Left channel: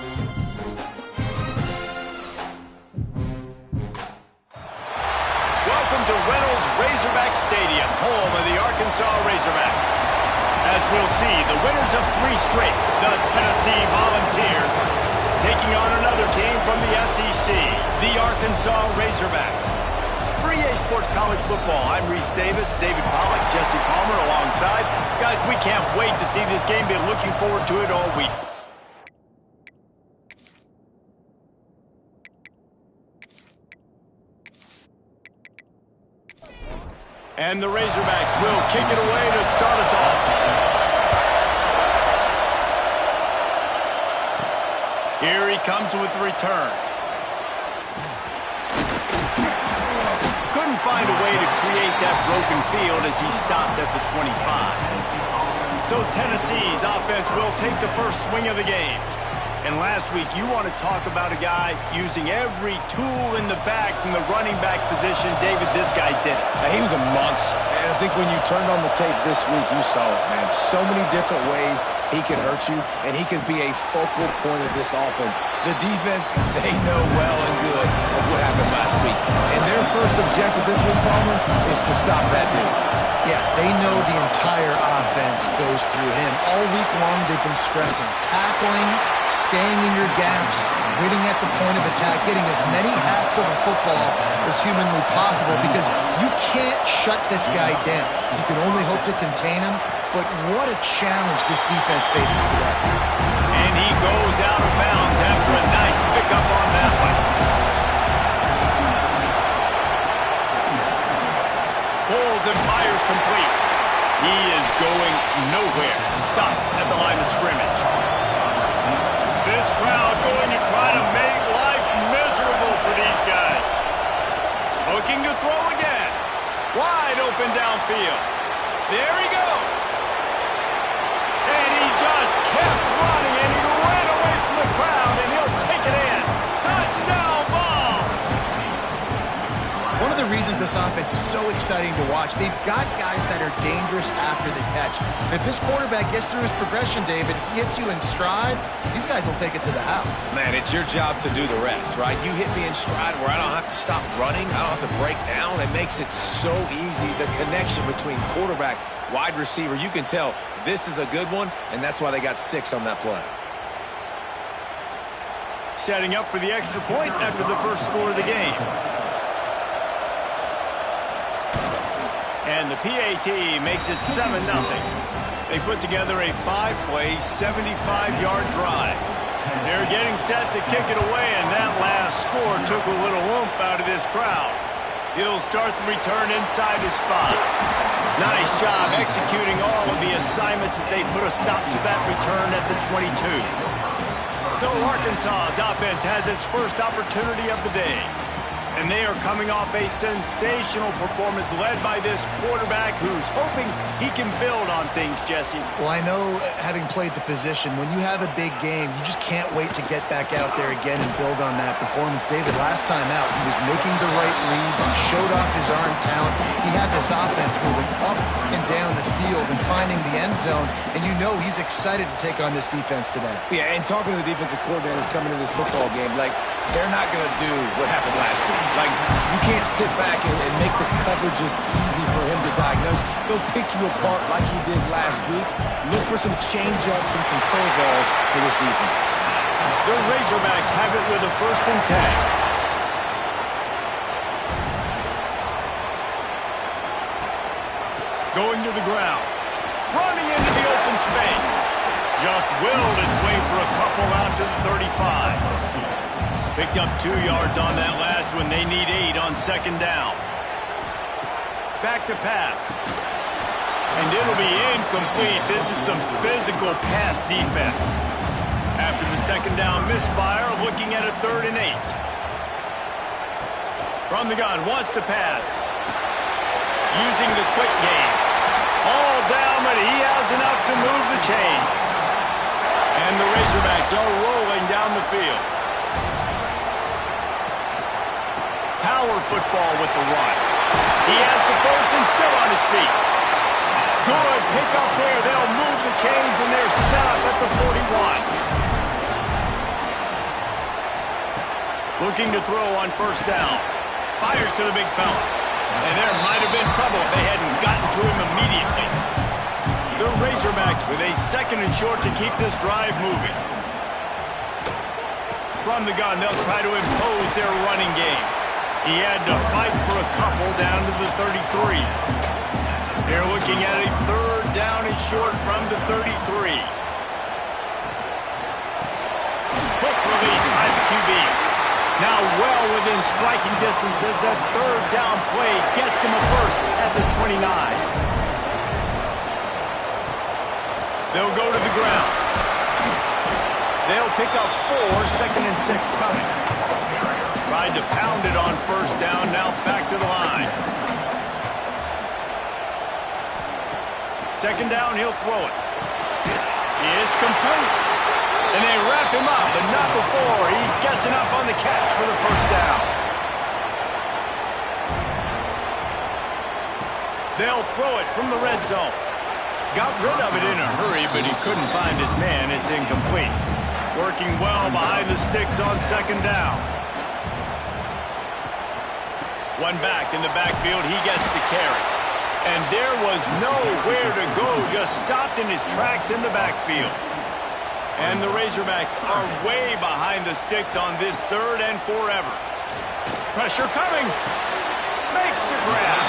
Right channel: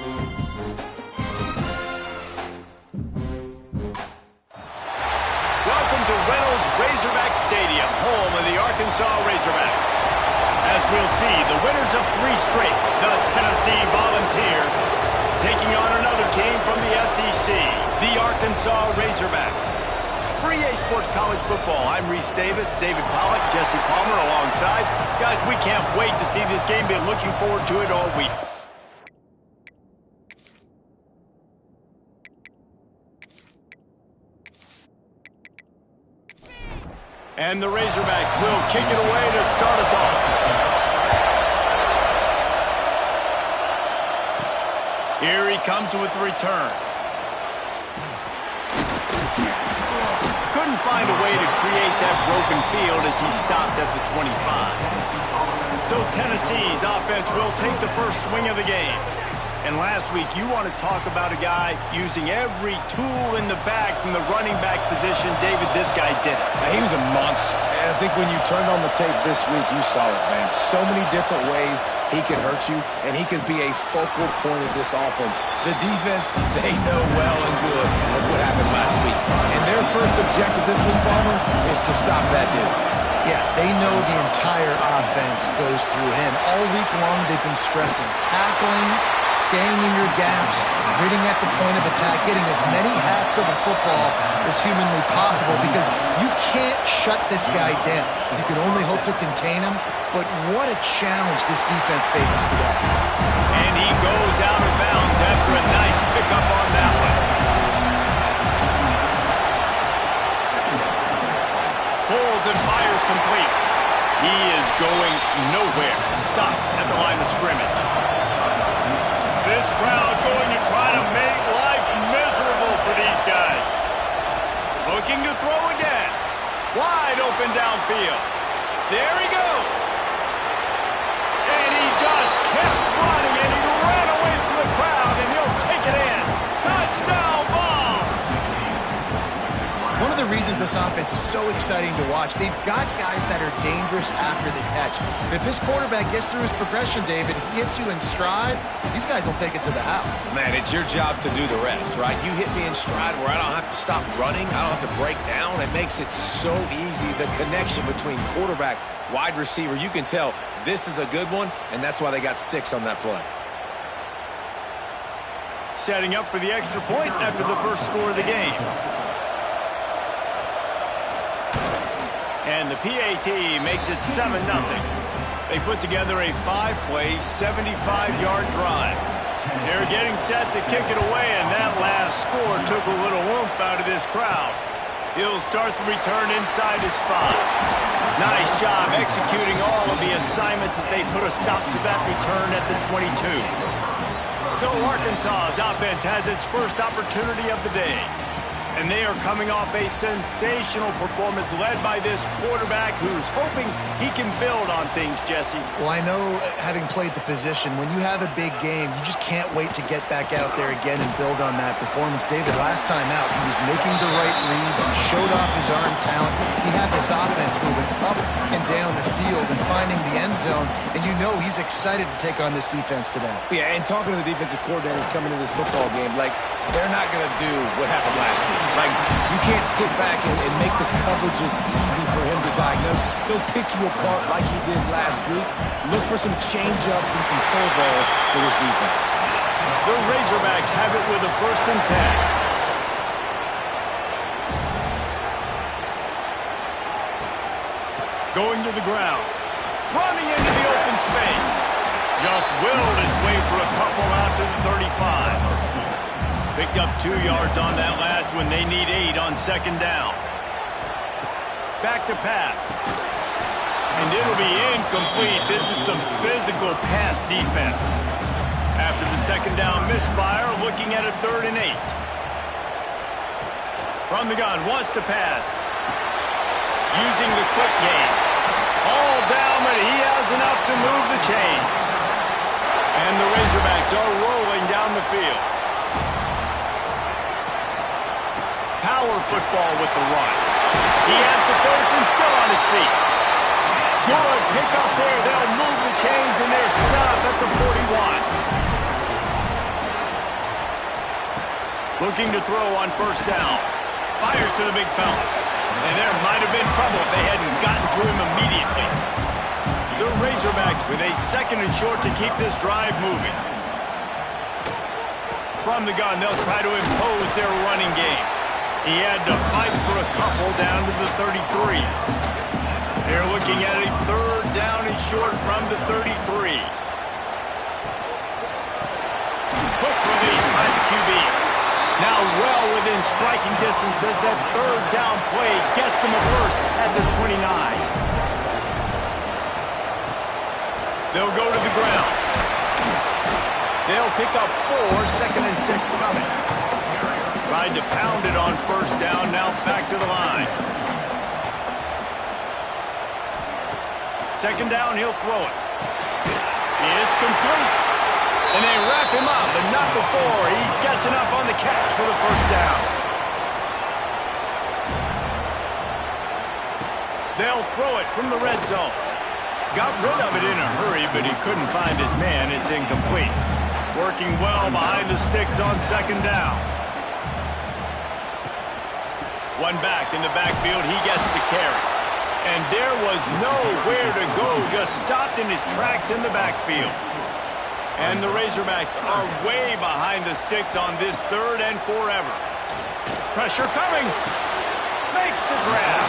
Welcome to Reynolds Razorback Stadium, home of the Arkansas Razorbacks. As we'll see, the winners of 3 straight, the Tennessee Volunteers, taking on another team from the SEC, the Arkansas Razorbacks. For EA Sports College Football, I'm Reese Davis, David Pollack, Jesse Palmer alongside. Guys, we can't wait to see this game. Been looking forward to it all week. And the Razorbacks will kick it away to start us off. Here he comes with the return. Couldn't find a way to create that broken field as he stopped at the 25. So Tennessee's offense will take the first swing of the game. And last week, you want to talk about a guy using every tool in the bag from the running back position. David, this guy did it. He was a monster. And I think when you turned on the tape this week, you saw it, man. So many different ways he could hurt you, and he could be a focal point of this offense. The defense, they know well and good of what happened last week. And their first objective this week, Palmer, is to stop that dude. Yeah, they know the entire offense goes through him. All week long, they've been stressing tackling, staying in your gaps, winning at the point of attack, getting as many hats to the football as humanly possible because you can't shut this guy down. You can only hope to contain him, but what a challenge this defense faces today. And he goes out of bounds after a nice pickup on that one. Pulls and fires complete. He is going nowhere. Stop at the line of scrimmage. This crowd going to try to make life miserable for these guys. Looking to throw again. Wide open downfield. There he goes. And he just kept running, and he ran away from the crowd, and he'll take it in. Touchdown ball. One of the reasons this offense is so exciting to watch, they've got guys that are dangerous after the catch. And if this quarterback gets through his progression, David, he hits you in stride, these guys will take it to the house. Man, it's your job to do the rest, right? You hit me in stride where I don't have to stop running. I don't have to break down. It makes it so easy. The connection between quarterback, wide receiver, you can tell this is a good one, and that's why they got 6 on that play. Setting up for the extra point after the first score of the game. And the PAT makes it 7-0. They put together a 5-play, 75-yard drive. They're getting set to kick it away, and that last score took a little oomph out of this crowd. He'll start the return inside his 5. Nice job executing all of the assignments as they put a stop to that return at the 22. So Arkansas's offense has its first opportunity of the day. And they are coming off a sensational performance led by this quarterback who's hoping he can build on things, Jesse. Well, I know, having played the position, when you have a big game, you just can't wait to get back out there again and build on that performance. David, last time out, he was making the right reads. He showed off his arm talent. He had this offense moving up and down the field and finding the end zone. And you know he's excited to take on this defense today. Yeah, and talking to the defensive coordinators coming into this football game, like, they're not going to do what happened last week. Like, you can't sit back and make the coverages easy for him to diagnose. They'll pick you apart like he did last week. Look for some change-ups and some curveballs for this defense. The Razorbacks have it with a 1st and 10. Going to the ground. Running into the open space. Just willed his way for a couple out to the 35. Picked up 2 yards on that last one. They need 8 on 2nd down. Back to pass. And it'll be incomplete. This is some physical pass defense. After the 2nd down misfire, looking at a 3rd and 8. From the gun, wants to pass. Using the quick game. All down, but he has enough to move the chains. And the Razorbacks are rolling down the field. Power football with the run. He has the 1st and still on his feet. Good pick up there. They'll move the chains, and they're set up at the 41. Looking to throw on first down. Fires to the big fella. And there might have been trouble if they hadn't gotten to him immediately. The Razorbacks with a 2nd and short to keep this drive moving. From the gun, they'll try to impose their running game. He had to fight for a couple down to the 33. They're looking at a 3rd down and short from the 33. Quick release by the QB. Now well within striking distance as that 3rd down play gets him a first at the 29. They'll go to the ground. They'll pick up 4, 2nd and 6 coming. Tried to pound it on first down, now back to the line. 2nd down, he'll throw it. It's complete. And they wrap him up, but not before he gets enough on the catch for the first down. They'll throw it from the red zone. Got rid of it in a hurry, but he couldn't find his man. It's incomplete. Working well behind the sticks on 2nd down. One back in the backfield, he gets the carry. And there was nowhere to go, just stopped in his tracks in the backfield. And the Razorbacks are way behind the sticks on this 3rd and forever. Pressure coming. Makes the grab.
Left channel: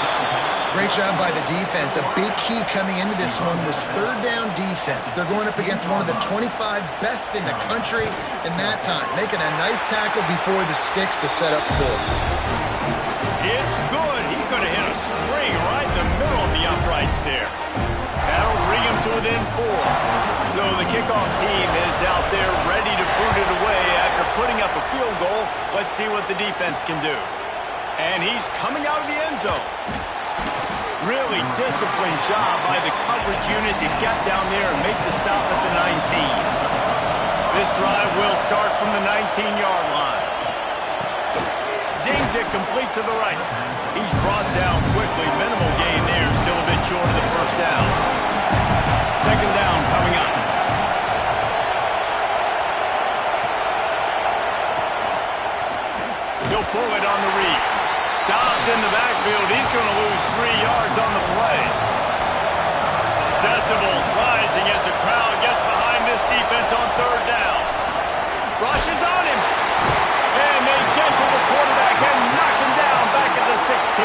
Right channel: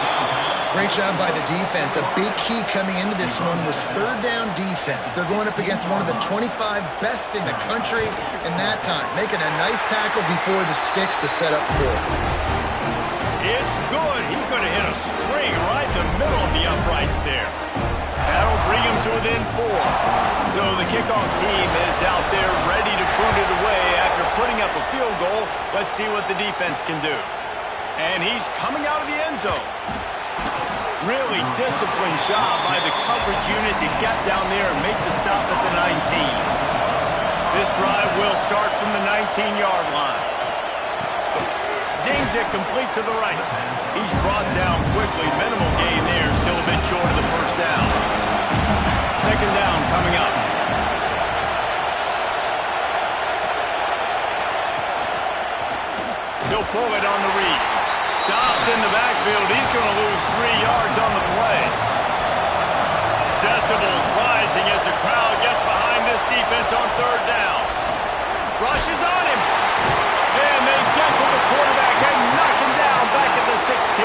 Great job by the defense. A big key coming into this one was 3rd down defense. They're going up against one of the 25 best in the country in that time, making a nice tackle before the sticks to set up 4. It's good. He could have hit a string right in the middle of the uprights there. That'll bring him to within 4. So the kickoff team is out there ready to boot it away after putting up a field goal. Let's see what the defense can do. And he's coming out of the end zone. Really disciplined job by the coverage unit to get down there and make the stop at the 19. This drive will start from the 19-yard line. Zings it complete to the right. He's brought down quickly. Minimal gain there. Still a bit short of the first down. 2nd down coming up. He'll pull it on the read. Stopped in the backfield. He's going to lose 3 yards on the play. Decibels rising as the crowd gets behind this defense on 3rd down. Rushes on him. And they get to the quarterback and knock him down back at the 16.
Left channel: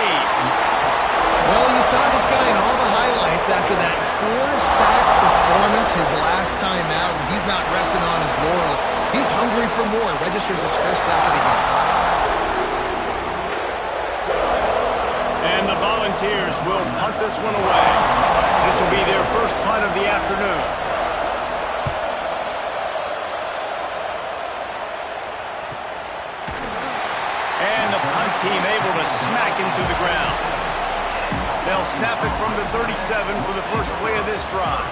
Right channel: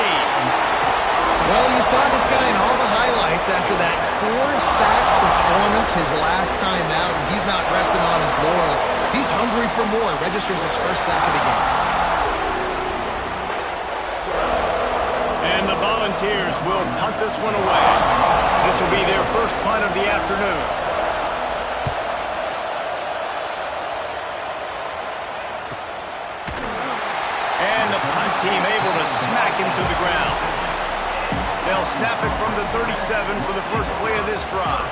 Well, you saw this guy in all the highlights after that 4-sack performance his last time out. He's not resting on his laurels. He's hungry for more. Registers his 1st sack of the game. And the Volunteers will punt this one away. This will be their first punt of the afternoon. And the punt team able to smack him to the ground. They'll snap it from the 37 for the first play of this drive.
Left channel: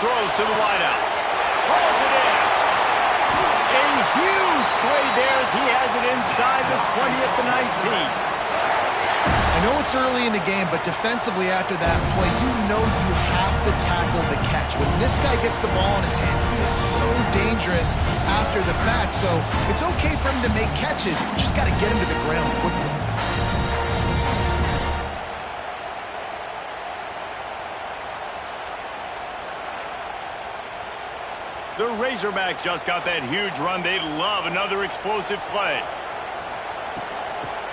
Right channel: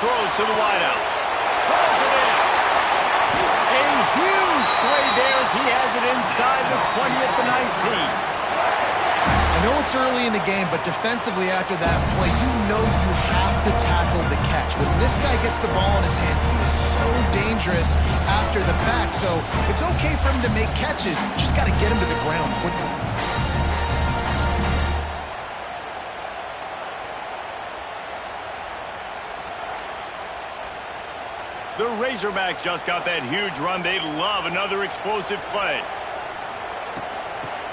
Throws to the wideout. Pulls it in. A huge play there as he has it inside the 20 at the 19. I know it's early in the game, but defensively after that play, you know you have to tackle the catch. When this guy gets the ball in his hands, he is so dangerous after the fact. So it's okay for him to make catches. You just got to get him to the ground quickly. The Razorbacks just got that huge run. They'd love another explosive play.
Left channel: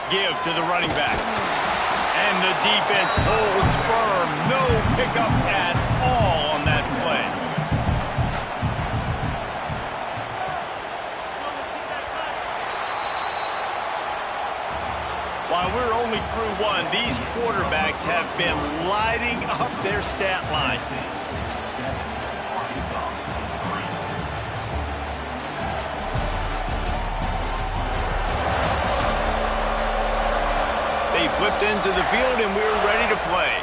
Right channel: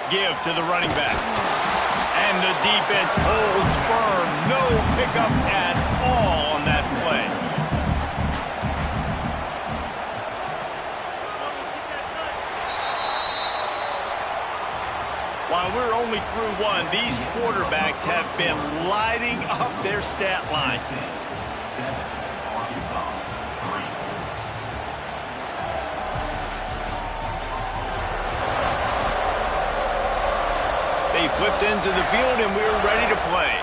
Give to the running back. And the defense holds firm. No pickup at all on that play. While we're only through one, these quarterbacks have been lighting up their stat line. They flipped into the field, and we're ready to play.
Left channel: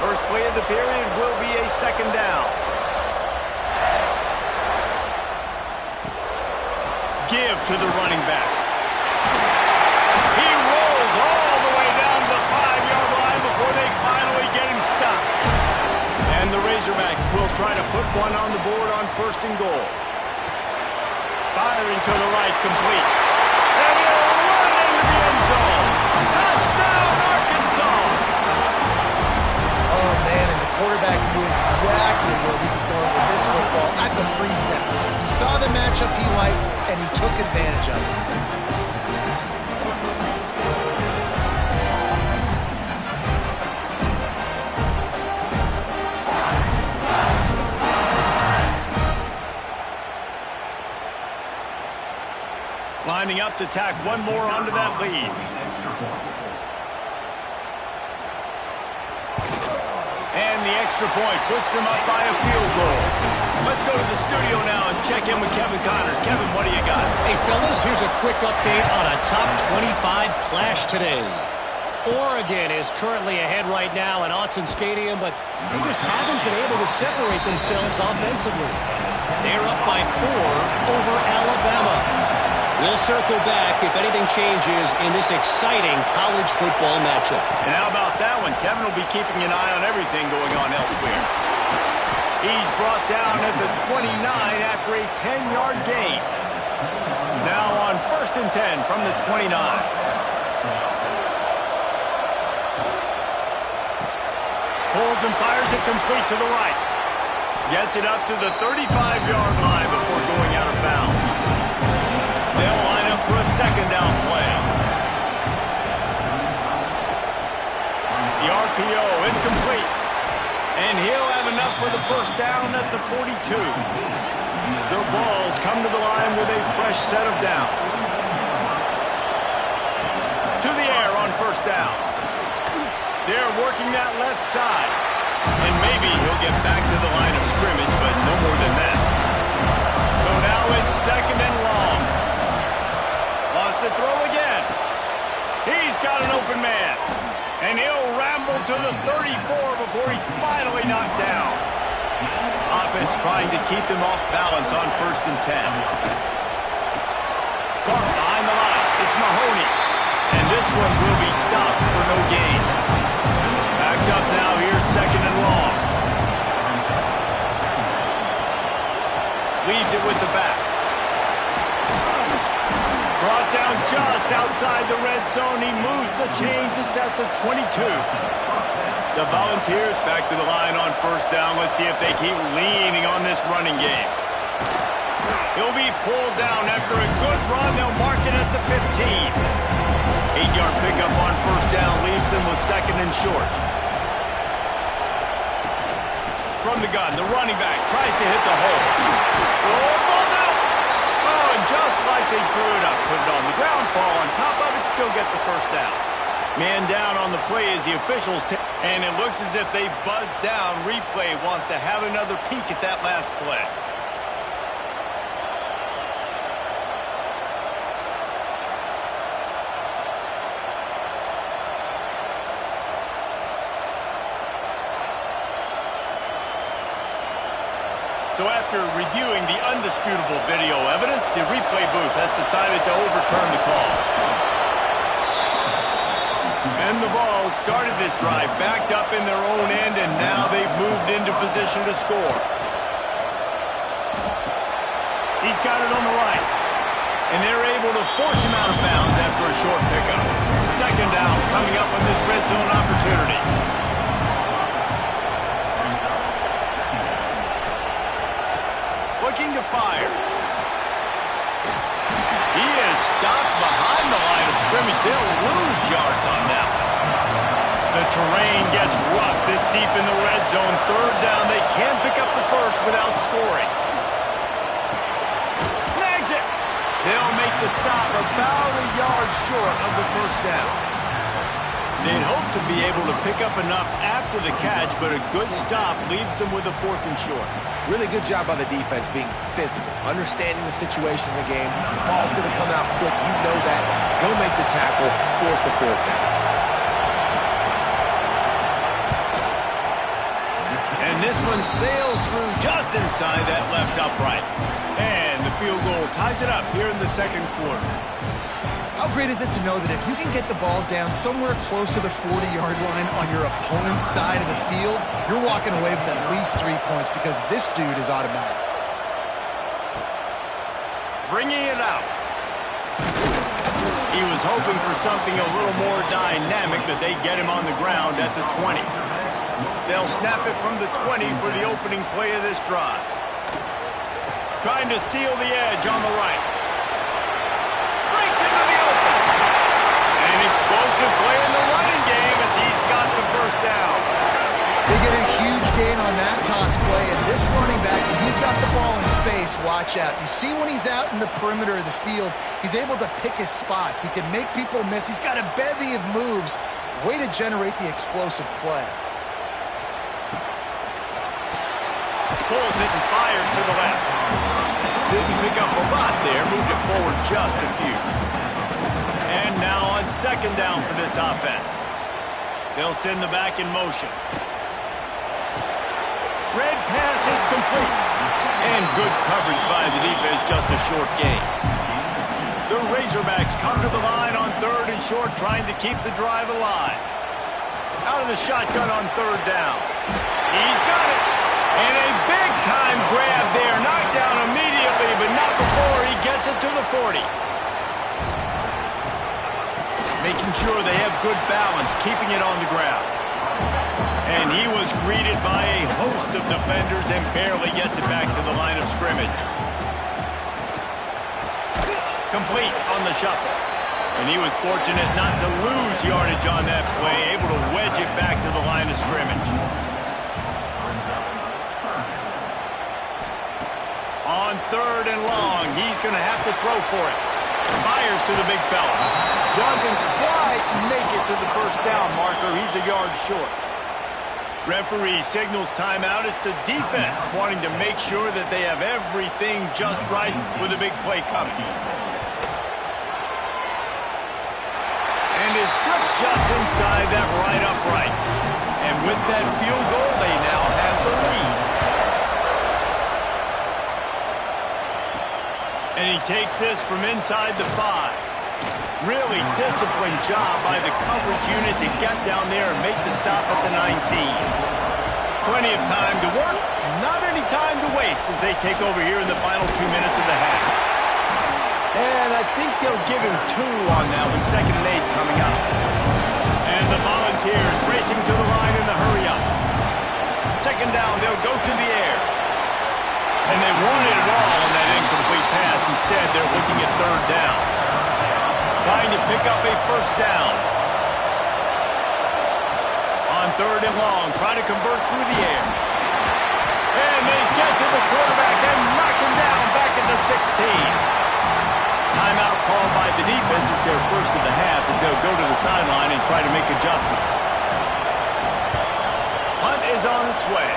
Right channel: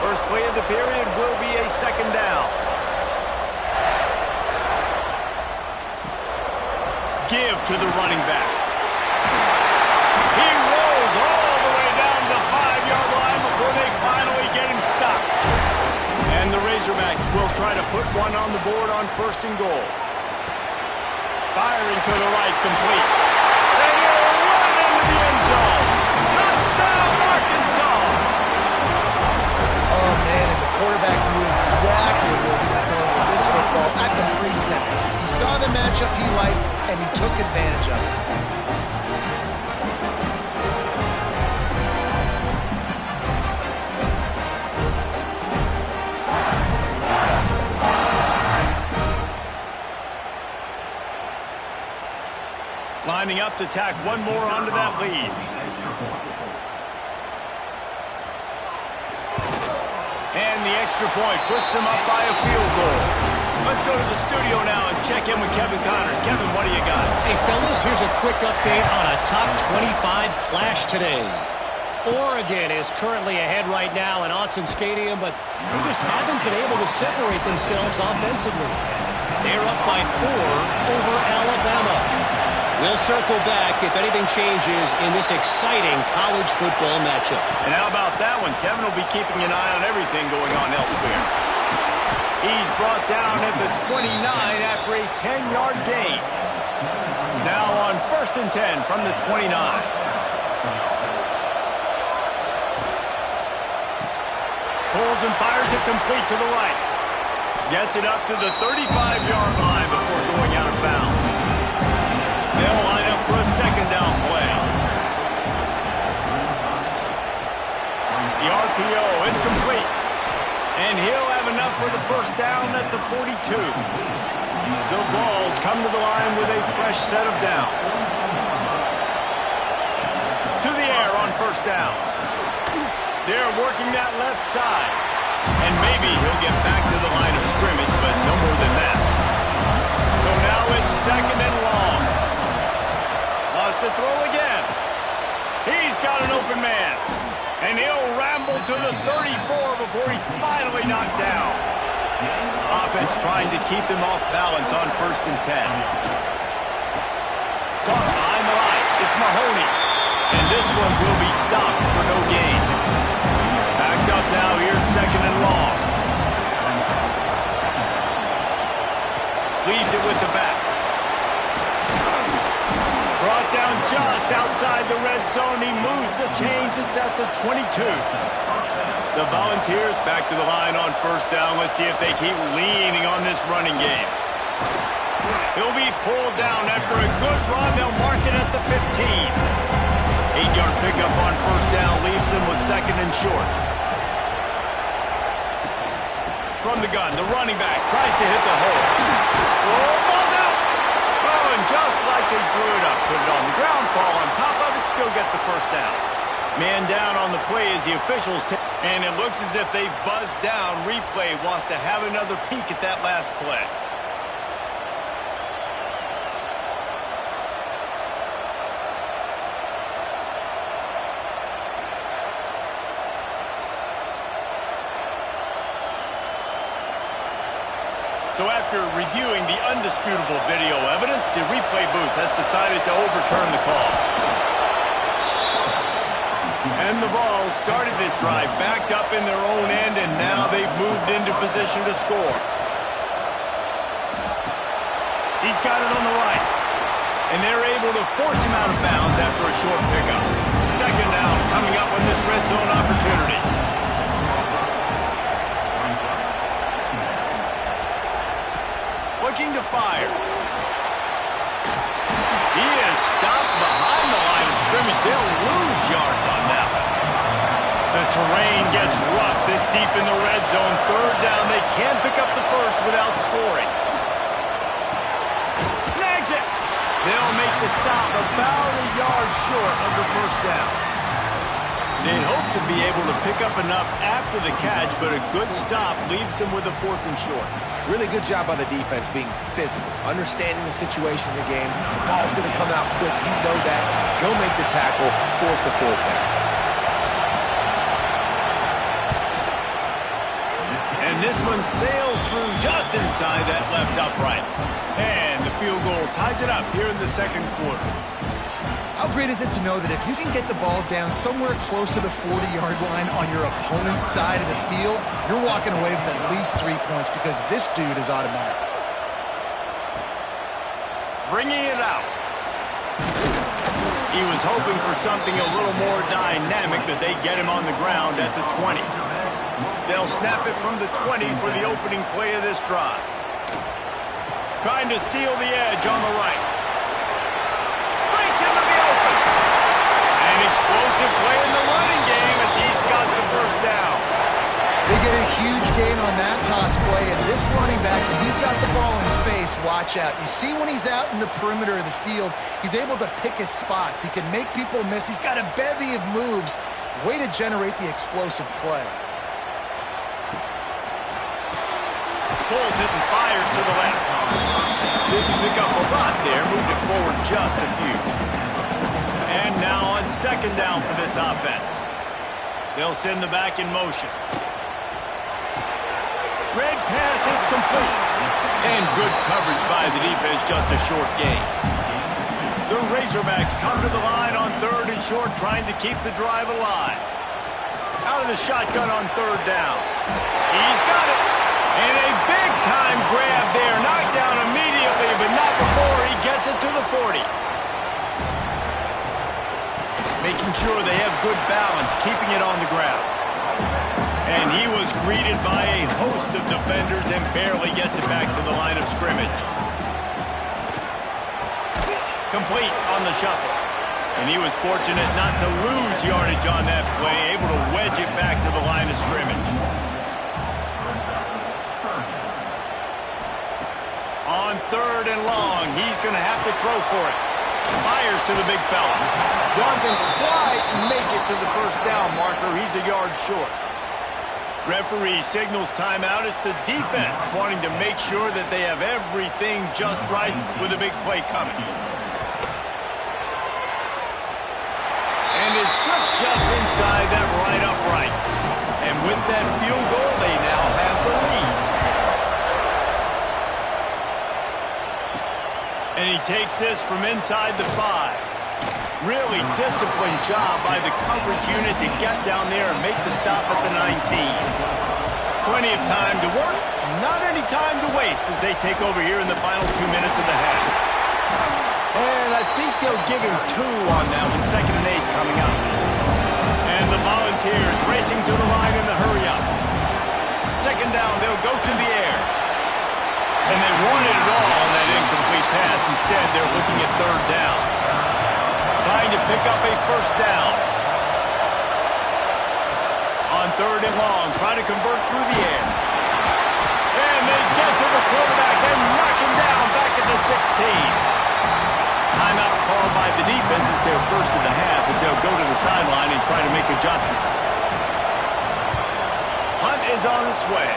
First play of the period will be a 2nd down. Give to the running back. He rolls all the way down the 5-yard line before they finally get him stopped. And the Razorbacks will try to put one on the board on 1st and goal. Firing to the right, complete. And he'll run into the end zone. Touchdown, Arkansas! Oh, man, and the quarterback knew exactly where he was going with this football at the pre-snap. He saw the matchup he liked, and he took advantage of it. Lining up to tack one more onto that lead. And the extra point puts them up by a field goal. Let's go to the studio now and check in with Kevin Connors. Kevin, what do you got? Hey, fellas, here's a quick update on a top 25 clash today. Oregon is currently ahead right now in Autzen Stadium, but they just haven't been able to separate themselves offensively. They're up by 4 over Alabama. We'll circle back if anything changes in this exciting college football matchup. And how about that one? Kevin will be keeping an eye on everything going on elsewhere. He's brought down at the 29 after a 10-yard gain. Now on 1st and 10 from the 29. Pulls and fires it complete to the right. Gets it up to the 35-yard line before going out of bounds. They'll line up for a 2nd down play. The RPO, it's complete. And he'll have enough for the 1st down at the 42. The Vols come to the line with a fresh set of downs. To the air on 1st down. They're working that left side. And maybe he'll get back to the line of scrimmage, but no more than that. So now it's 2nd and long. Lost to throw again. He's got an open man. And he'll ramble to the 34 before he's finally knocked down. Offense trying to keep them off balance on 1st and 10. Caught behind the line. It's Mahoney. And this one will be stopped for no gain. Backed up now. Here's 2nd and long. Leaves it with the back. Brought down just outside the red zone. He moves the chains. It's at the 22. The Volunteers back to the line on 1st down. Let's see if they keep leaning on this running game. He'll be pulled down after a good run. They'll mark it at the 15. 8-yard pickup on 1st down leaves them with 2nd and short. From the gun, the running back tries to hit the hole. Oh, ball's out! Oh, and just like they drew it up, put it on the ground, fall on top of it, still get the 1st down. Man down on the play as the officials take, and it looks as if they've buzzed down. Replay wants to have another peek at that last play. So after reviewing the undisputable video evidence, the replay booth has decided to overturn the call. And the Vols started this drive backed up in their own end, and now they've moved into position to score. He's got it on the right. And they're able to force him out of bounds after a short pickup. 2nd down coming up on this red zone opportunity. Looking to fire. He is stopped behind the line of scrimmage. They'll lose yards on that one. The terrain gets rough this deep in the red zone. 3rd down. They can't pick up the 1st without scoring. Snags it. They'll make the stop about a yard short of the 1st down. They'd hope to be able to pick up enough after the catch, but a good stop leaves them with a 4th and short. Really good job by the defense being physical, understanding the situation in the game. The ball's going to come out quick. You know that. Go make the tackle, force the 4th down. And this one sails through just inside that left upright. And the field goal ties it up here in the 2nd quarter. How great is it to know that if you can get the ball down somewhere close to the 40-yard line on your opponent's side of the field, you're walking away with at least 3 points because this dude is automatic. Bringing it out. He was hoping for something a little more dynamic, but they get him on the ground at the 20. They'll snap it from the 20 for the opening play of this drive. Trying to seal the edge on the right. Breaks into the open. An explosive play in the running game as he's got the first down. They get a huge gain on that toss play, and this running back, when he's got the ball in space, watch out. You see when he's out in the perimeter of the field, he's able to pick his spots. He can make people miss. He's got a bevy of moves. Way to generate the explosive play. Pulls it and fires to the left. Didn't pick up a lot there, moved it forward just a few. And now on second down for this offense. They'll send the back in motion. Red pass is complete. And good coverage by the defense, just a short gain. The Razorbacks come to the line on third and short, trying to keep the drive alive. Out of the shotgun on third down. He's got it. And a big-time grab there. Knocked down immediately, but not before he gets it to the 40. Making sure they have good balance, keeping it on the ground. And he was greeted by a host of defenders and barely gets it back to the line of scrimmage. Complete on the shuffle. And he was fortunate not to lose yardage on that play, able to wedge it back to the line of scrimmage. On third and long, he's going to have to throw for it. Fires to the big fella. Doesn't quite make it to the first down marker. He's a yard short. Referee signals timeout. It's the defense wanting to make sure that they have everything just right with a big play coming. And his slip's just inside that right upright. And with that field goal, they now have the lead. And he takes this from inside the 5. Really disciplined job by the coverage unit to get down there and make the stop at the 19. Plenty of time to work, not any time to waste as they take over here in the final 2 minutes of the half. And I think they'll give him 2 on that one, 2nd and 8 coming up. And the Volunteers racing to the line in the hurry up. Second down, they'll go to the air. And they wanted it all on that incomplete pass. Instead, they're looking at third down. Trying to pick up a first down. On third and long, trying to convert through the air. And they get to the quarterback and knock him down back at the 16. Timeout called by the defense. It's their first of the half as they'll go to the sideline and try to make adjustments. Hunt is on its way.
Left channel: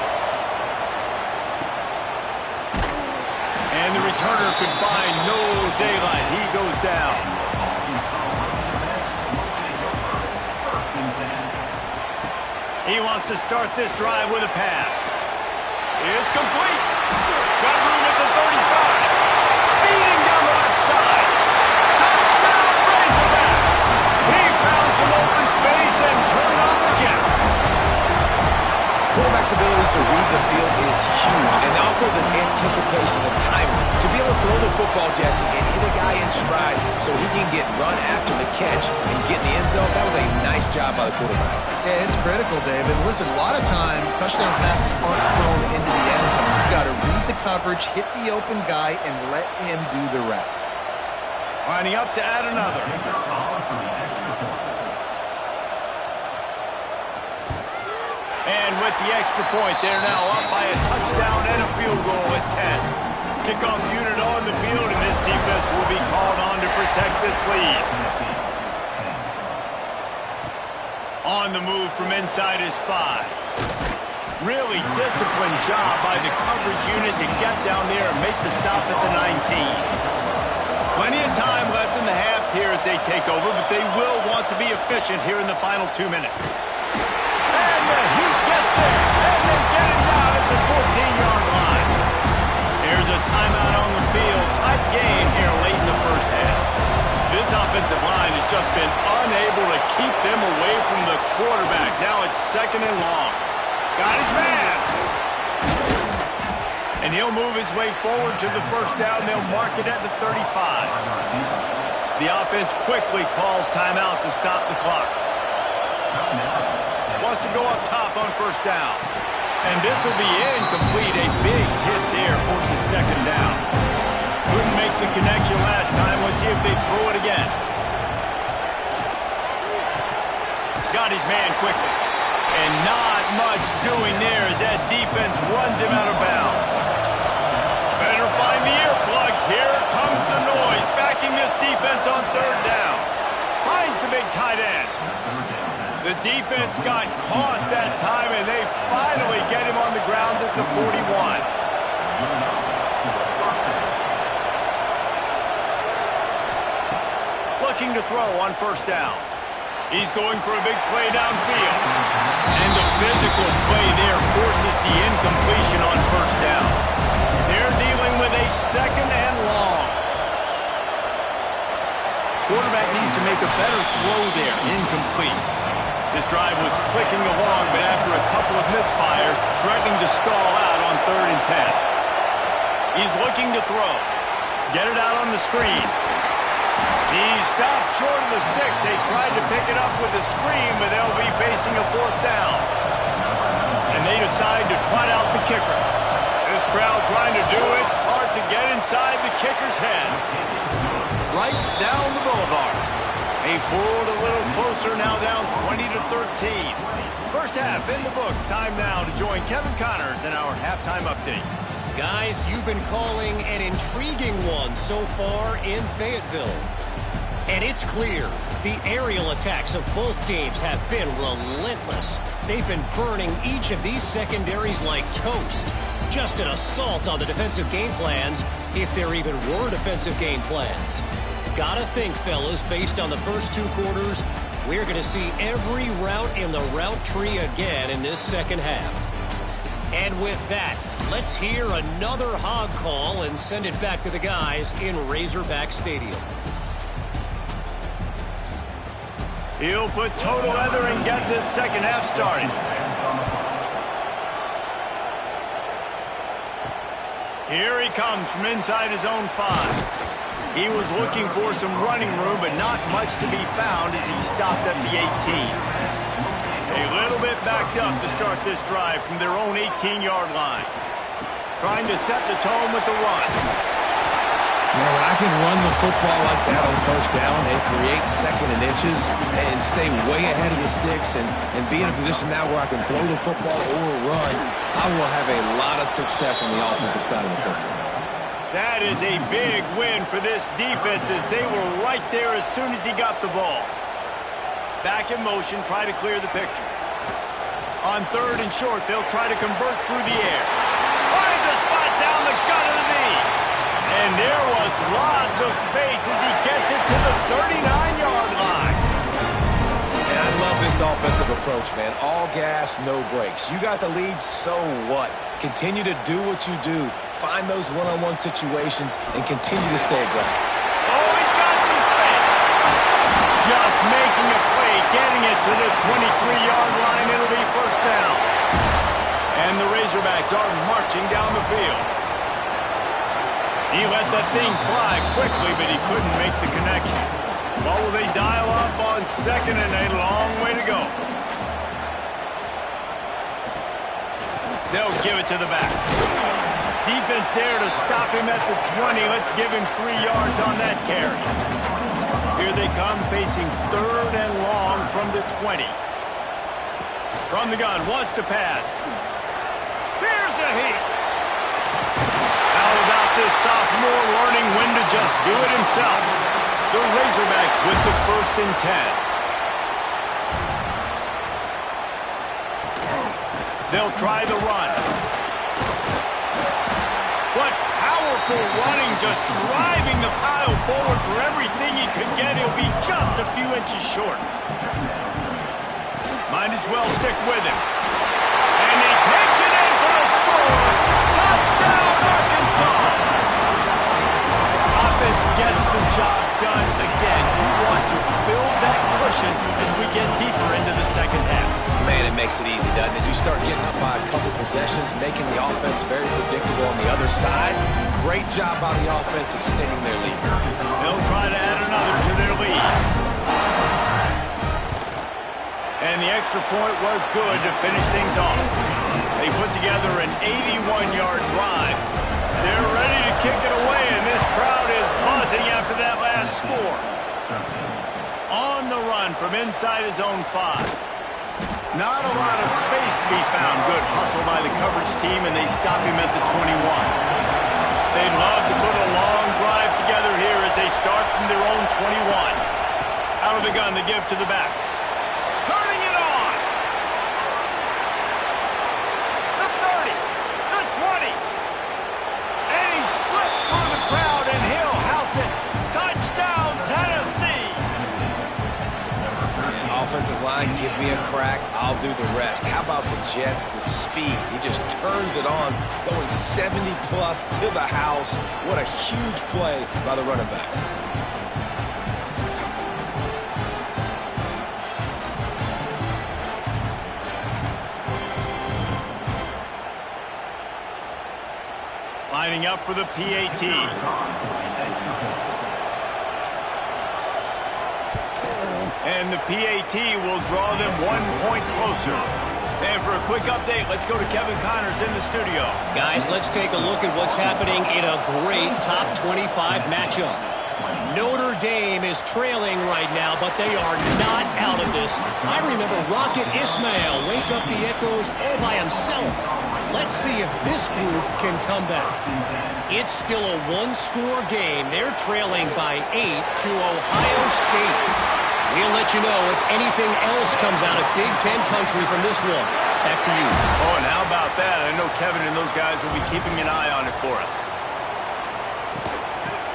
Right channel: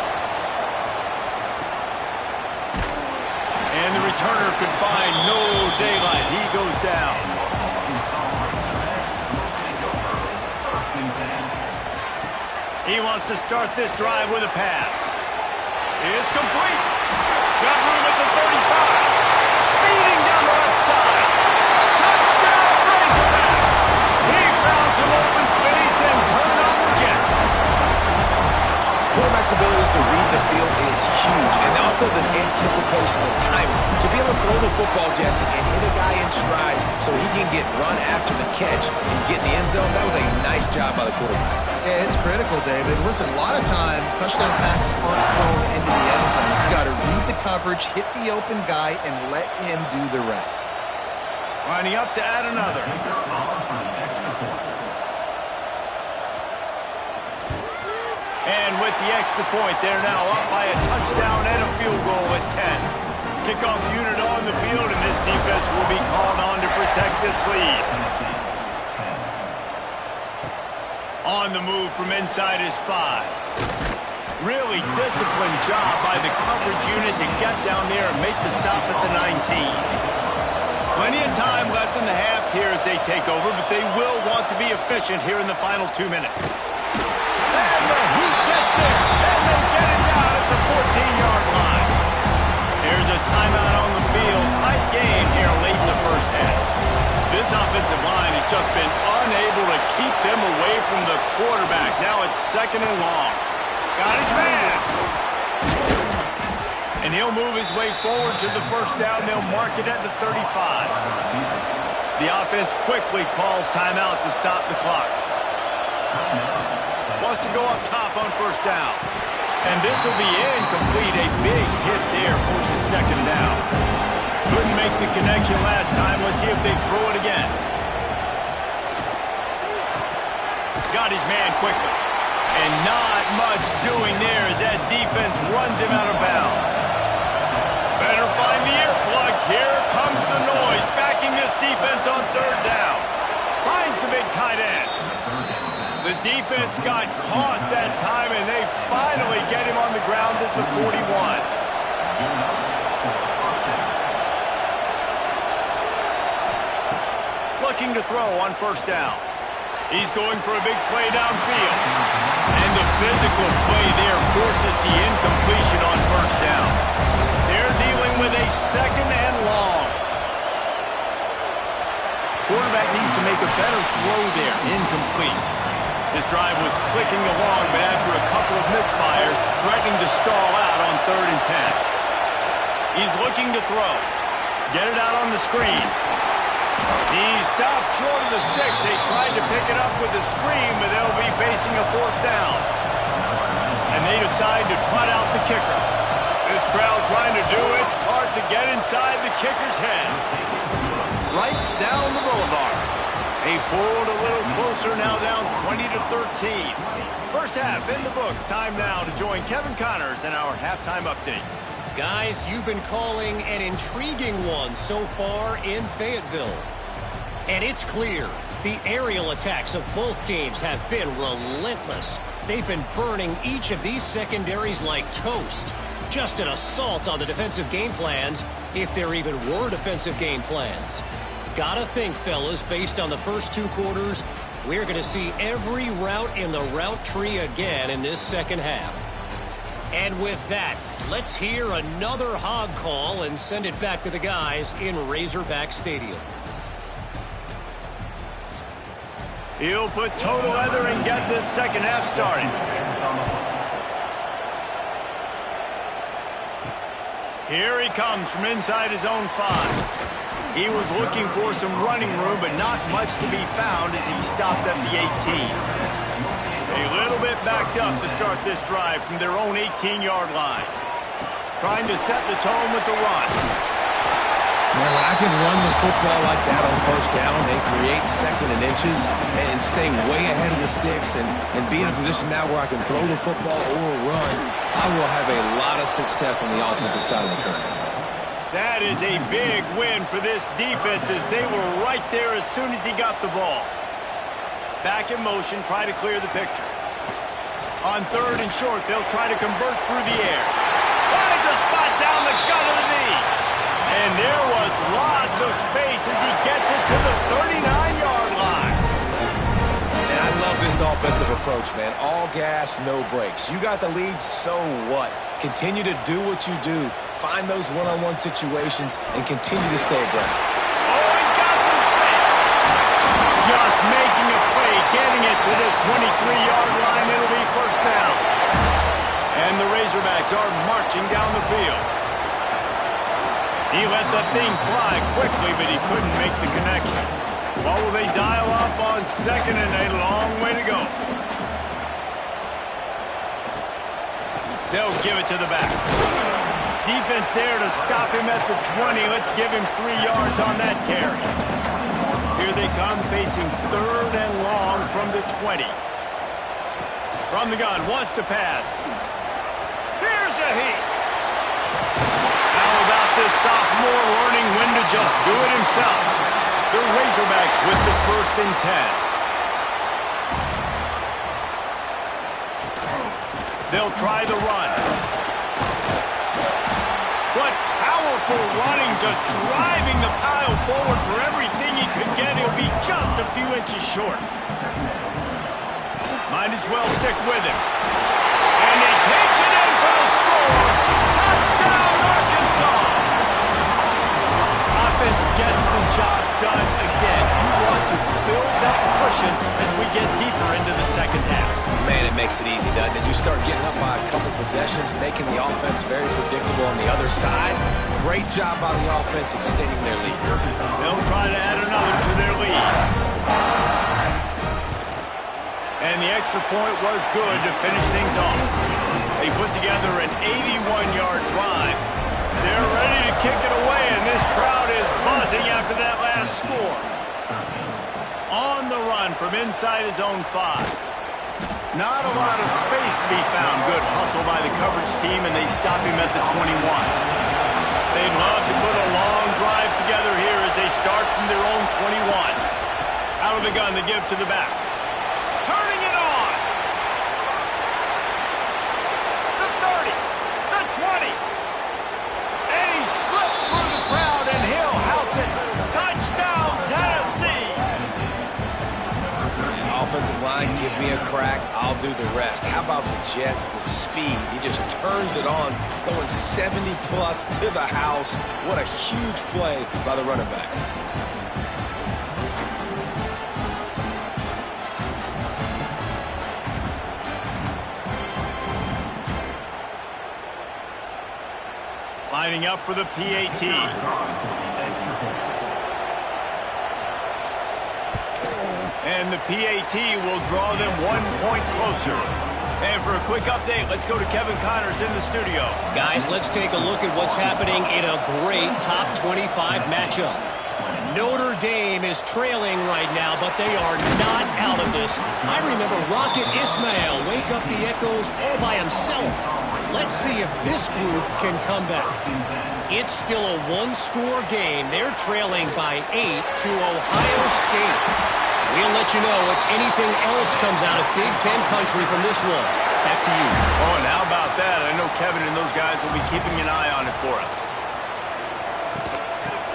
And the returner could find no daylight. He goes down. He wants to start this drive with a pass. It's complete. Got room at the 35. Speeding down the left side. Touchdown, Razorbacks. He found some open space and turned on the Jets. Quarterback's abilities to read the field is huge, and also the anticipation, the timing. To be able to throw the football, Jesse, and hit a guy in stride so he can get run after the catch and get in the end zone, that was a nice job by the quarterback. Yeah, it's critical, David. Listen, a lot of times, touchdown passes aren't thrown into the end zone. You've got to read the coverage, hit the open guy, and let him do the rest. Lining up to add another. And with the extra point, they're now up by a touchdown and a field goal at 10. Kickoff unit on the field, and this defense will be called on to protect this lead. On the move from inside his 5. Really disciplined job by the coverage unit to get down there and make the stop at the 19. Plenty of time left in the half here as they take over, but they will want to be efficient here in the final 2 minutes. And the Heat gets there, and they get him down at the 14-yard line. There's a timeout on the field. Tight game here late in the first half. This offensive line has just been unable to keep them away from the quarterback. Now it's 2nd and long. Got his man. And he'll move his way forward to the 1st down. They'll mark it at the 35. The offense quickly calls timeout to stop the clock. Wants to go up top on 1st down. And this will be incomplete. A big hit there forces 2nd down. Couldn't make the connection last time. Let's see if they throw it again. Got his man quickly. And not much doing there as that defense runs him out of bounds. Better find the earplugs. Here comes the noise. Backing this defense on 3rd down. Finds the big tight end. The defense got caught that time, and they finally get him on the ground at the 41. Looking to throw on 1st down. He's going for a big play downfield. And the physical play there forces the incompletion on 1st down. They're dealing with a 2nd and long. Quarterback needs to make a better throw there. Incomplete. This drive was clicking along, but after a couple of misfires, threatening to stall out on 3rd and 10. He's looking to throw. Get it out on the screen. He stopped short of the sticks. They tried to pick it up with a screen, but they'll be facing a 4th down. And they decide to trot out the kicker. This crowd trying to do its part to get inside the kicker's head. Right down the boulevard. They pulled a little closer, now down 20-13. 1st half in the books. Time now to join Kevin Connors in our halftime update. Guys, you've been calling an intriguing one so far in Fayetteville. And it's clear the aerial attacks of both teams have been relentless. They've been burning each of these secondaries like toast. Just an assault on the defensive game plans, if there even were defensive game plans. Gotta think, fellas, based on the first 2 quarters, we're going to see every route in the route tree again in this 2nd half. And with that, let's hear another hog call and send it back to the guys in Razorback Stadium. He'll put toe to leather and get this 2nd half started. Here he comes from inside his own 5. He was looking for some running room, but not much to be found as he stopped at the 18. A little bit backed up to start this drive from their own 18-yard line. Trying to set the tone with the run. Now, when I can run the football like that on 1st down and create 2nd and inches and stay way ahead of the sticks and be in a position now where I can throw the football or run, I will have a lot of success on the offensive side of the football. That is a big win for this defense as they were right there as soon as he got the ball. Back in motion, try to clear the picture. On 3rd and short, they'll try to convert through the air. Finds a spot down the gut of the knee. And there was lots of space as he gets it to the 39-yard line. And I love this offensive approach, man. All gas, no brakes. You got the lead, so what? Continue to do what you do. Find those one-on-one situations and continue to stay aggressive. Oh, he's got some space. Just making a play, getting it to the 23-yard line. It'll be 1st down. And the Razorbacks are marching down the field. He let that thing fly quickly, but he couldn't make the connection. What will they dial up on 2nd and a long way to go? They'll give it to the back. Defense there to stop him at the 20. Let's give him 3 yards on that carry. Here they come facing 3rd and long from the 20. From the gun, wants to pass. Here's a heat. How about this sophomore learning when to just do it himself? The Razorbacks with the 1st and 10. They'll try the run. What powerful running, just driving the pile forward for everything he could get. He'll be just a few inches short. Might as well stick with him. And he takes it in for the score. Touchdown, Arkansas! Offense gets the job done again. to build that cushion as we get deeper into the second half. Man, it makes it easy, doesn't it? You start getting up by a couple possessions, making the offense very predictable on the other side. Great job by the offense extending their lead. They'll try to add another to their lead. And the extra point was good to finish things off. They put together an 81-yard drive. They're ready to kick it away, and this crowd is buzzing after that last score. On the run from inside his own 5. Not a lot of space to be found. Good hustle by the coverage team, and they stop him at the 21. They'd love to put a long drive together here as they start from their own 21. Out of the gun to give to the back. Turning it on. The 30. The 20. And he slipped through the crowd, and he'll house it. Touchdown, Tennessee. Yeah, offensive line, give me a crack. I'll do the rest. How about the Jets? The speed. He just turns it on, going 70-plus to the house. What a huge play by the running back. Lining up for the PAT. And the PAT will draw them 1 point closer. And for a quick update, let's go to Kevin Connors in the studio. Guys, let's take a look at what's happening in a great top 25 matchup. Notre Dame is trailing right now, but they are not out of this. I remember Rocket Ismail wake up the echoes all by himself. Let's see if this group can come back. It's still a one-score game. They're trailing by 8 to Ohio State. We'll let you know if anything else comes out of Big Ten country from this one. Back to you. Oh, and how about that? I know Kevin and those guys will be keeping an eye on it for us.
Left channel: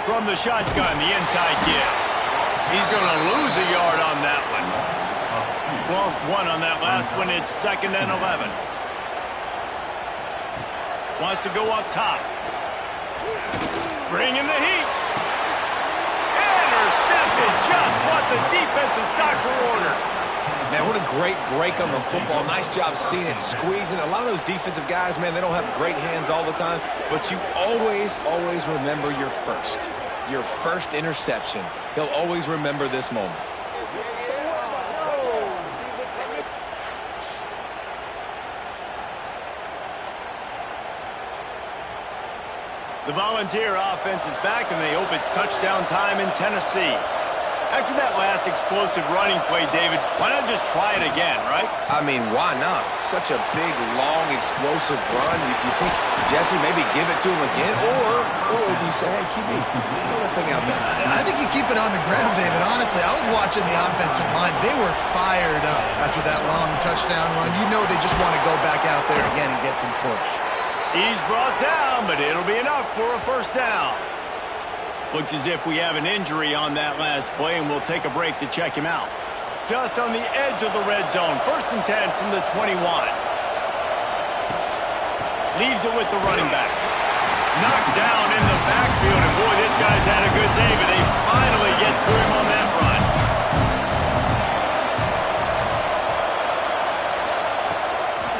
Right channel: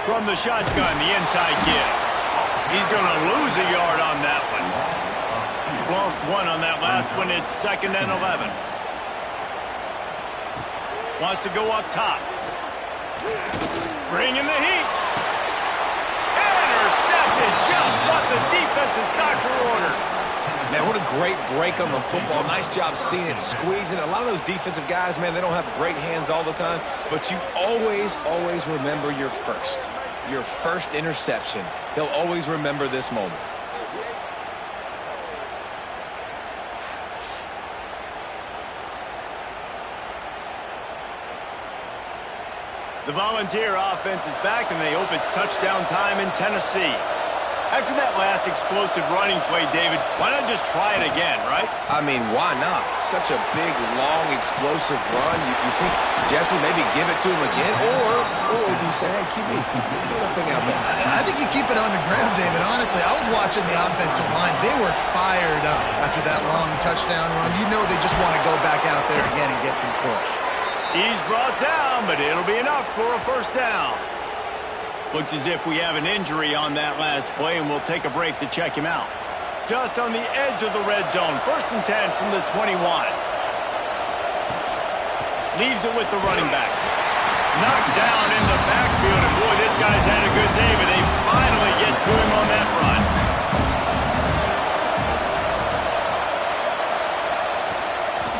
From the shotgun, the inside give. He's going to lose a yard on that one. Lost 1 on that last one. It's 2nd and 11. Wants to go up top. Bringing the heat. Intercepted, just what the defense's doctor ordered. Man, what a great break on the football. Nice job seeing it, squeezing. A lot of those defensive guys, man, they don't have great hands all the time, but you always, always remember your first interception. He'll always remember this moment. The Volunteer offense is back, and they hope it's touchdown time in Tennessee. After that last explosive running play, David, why not just try it again, right? I mean, why not? Such a big, long, explosive run. You think, Jesse, maybe give it to him again? Or do you say, hey, QB, throw that thing out there? I think you keep it on the ground, David. Honestly, I was watching the offensive line. They were fired up after that long touchdown run. You know they just want to go back out there again and get some push. He's brought down, but it'll be enough for a first down. Looks as if we have an injury on that last play, and we'll take a break to check him out. Just on the edge of the red zone. 1st and 10 from the 21. Leaves it with the running back. Knocked down in the backfield, and boy, this guy's had a good day, but they finally get to him on that run.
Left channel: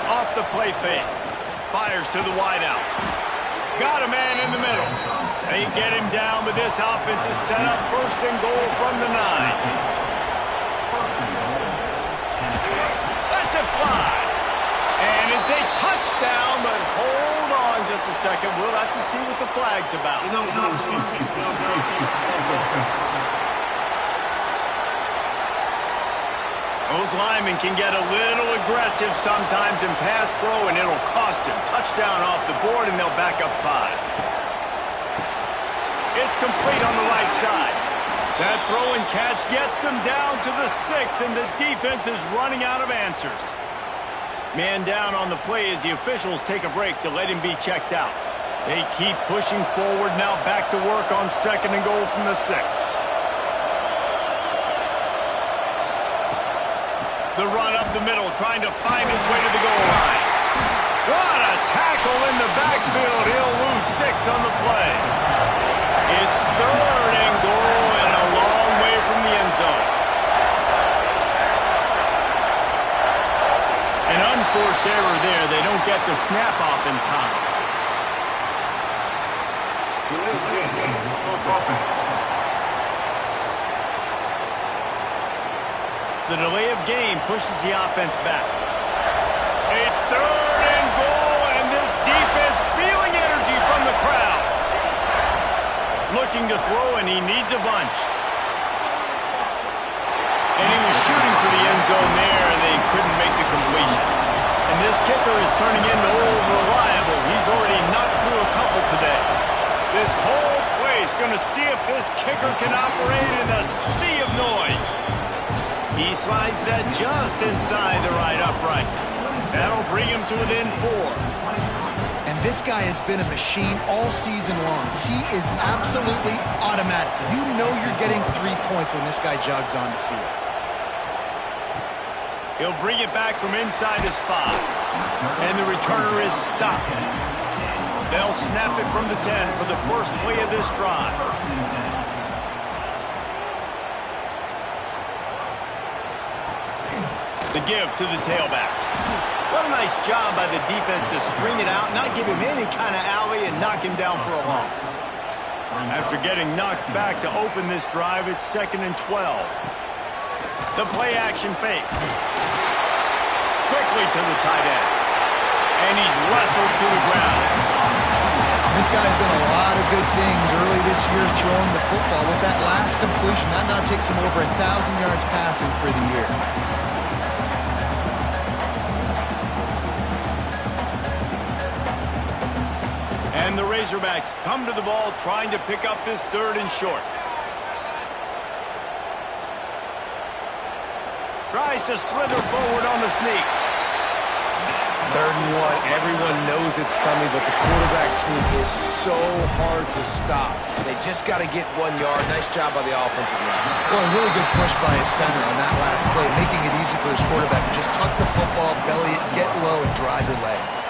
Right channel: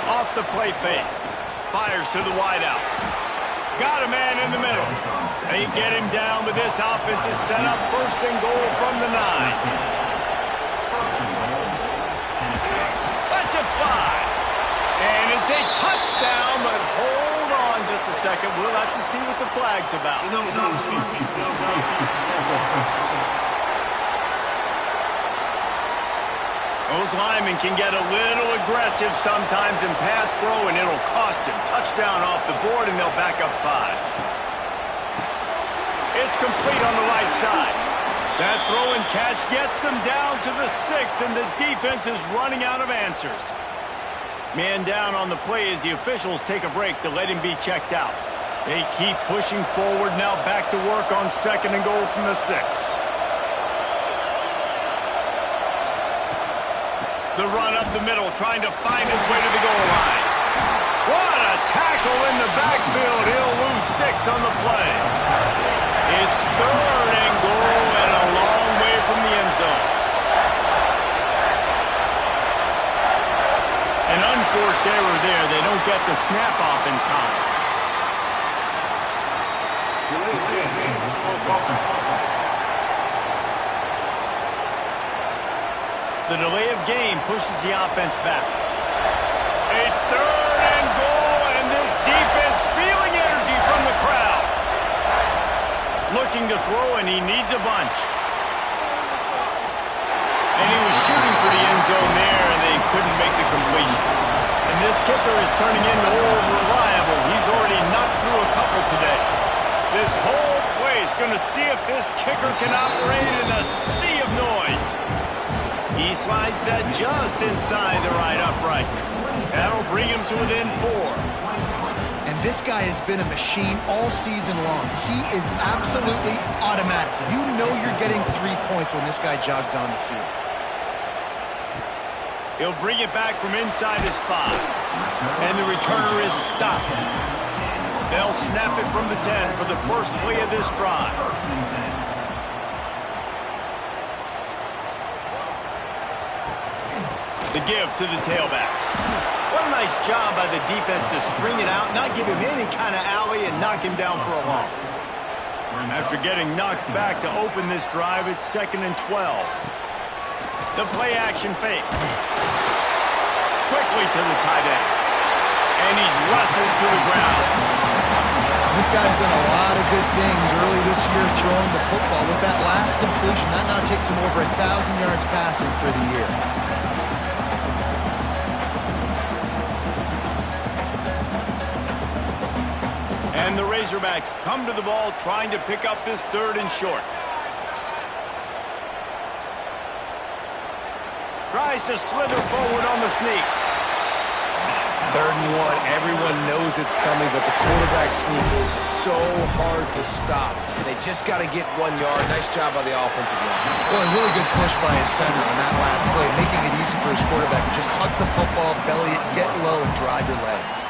Off the play fake. Fires to the wideout. Got a man in the middle. They get him down, but this offense is set up 1st and goal from the 9. Lets it fly. And it's a touchdown, but hold on just a second. We'll have to see what the flag's about. Those linemen can get a little aggressive sometimes in pass pro, and it'll cost him. Touchdown off the board, and they'll back up 5. It's complete on the right side. That throw and catch gets them down to the 6, and the defense is running out of answers. Man down on the play as the officials take a break to let him be checked out. They keep pushing forward, now back to work on 2nd and goal from the 6. The run up the middle, trying to find his way to the goal line. What a tackle in the backfield. He'll lose 6 on the play. It's 3rd and goal and a long way from the end zone. An unforced error there. They don't get the snap off in time. The delay of game pushes the offense back. A 3rd and goal, and this defense feeling energy from the crowd. Looking to throw, and he needs a bunch. And he was shooting for the end zone there, and they couldn't make the completion. And this kicker is turning into old reliable. He's already knocked through a couple today. This whole place going to see if this kicker can operate in a sea of noise. He slides that just inside the right upright. That'll bring him to within 4. And this guy has been a machine all season long. He is absolutely automatic. You know you're getting 3 points when this guy jogs on the field. He'll bring it back from inside his 5. And the returner is stopped. They'll snap it from the 10 for the first play of this drive. The give to the tailback. What a nice job by the defense to string it out, not give him any kind of alley, and knock him down for a loss. After getting knocked back to open this drive, it's 2nd and 12. The play-action fake. Quickly to the tight end. And he's wrestled to the ground. This guy's done a lot of good things early this year throwing the football. With that last completion, that now takes him over 1,000 yards passing for the year. And the Razorbacks come to the ball trying to pick up this 3rd and short. Tries to slither forward on the sneak. 3rd and 1. Everyone knows it's coming, but the quarterback sneak is so hard to stop. They just got to get 1 yard. Nice job by the offensive line. Well, a really good push by his center on that last play, making it easy for his quarterback to just tuck the football, belly it, get low, and drive your legs.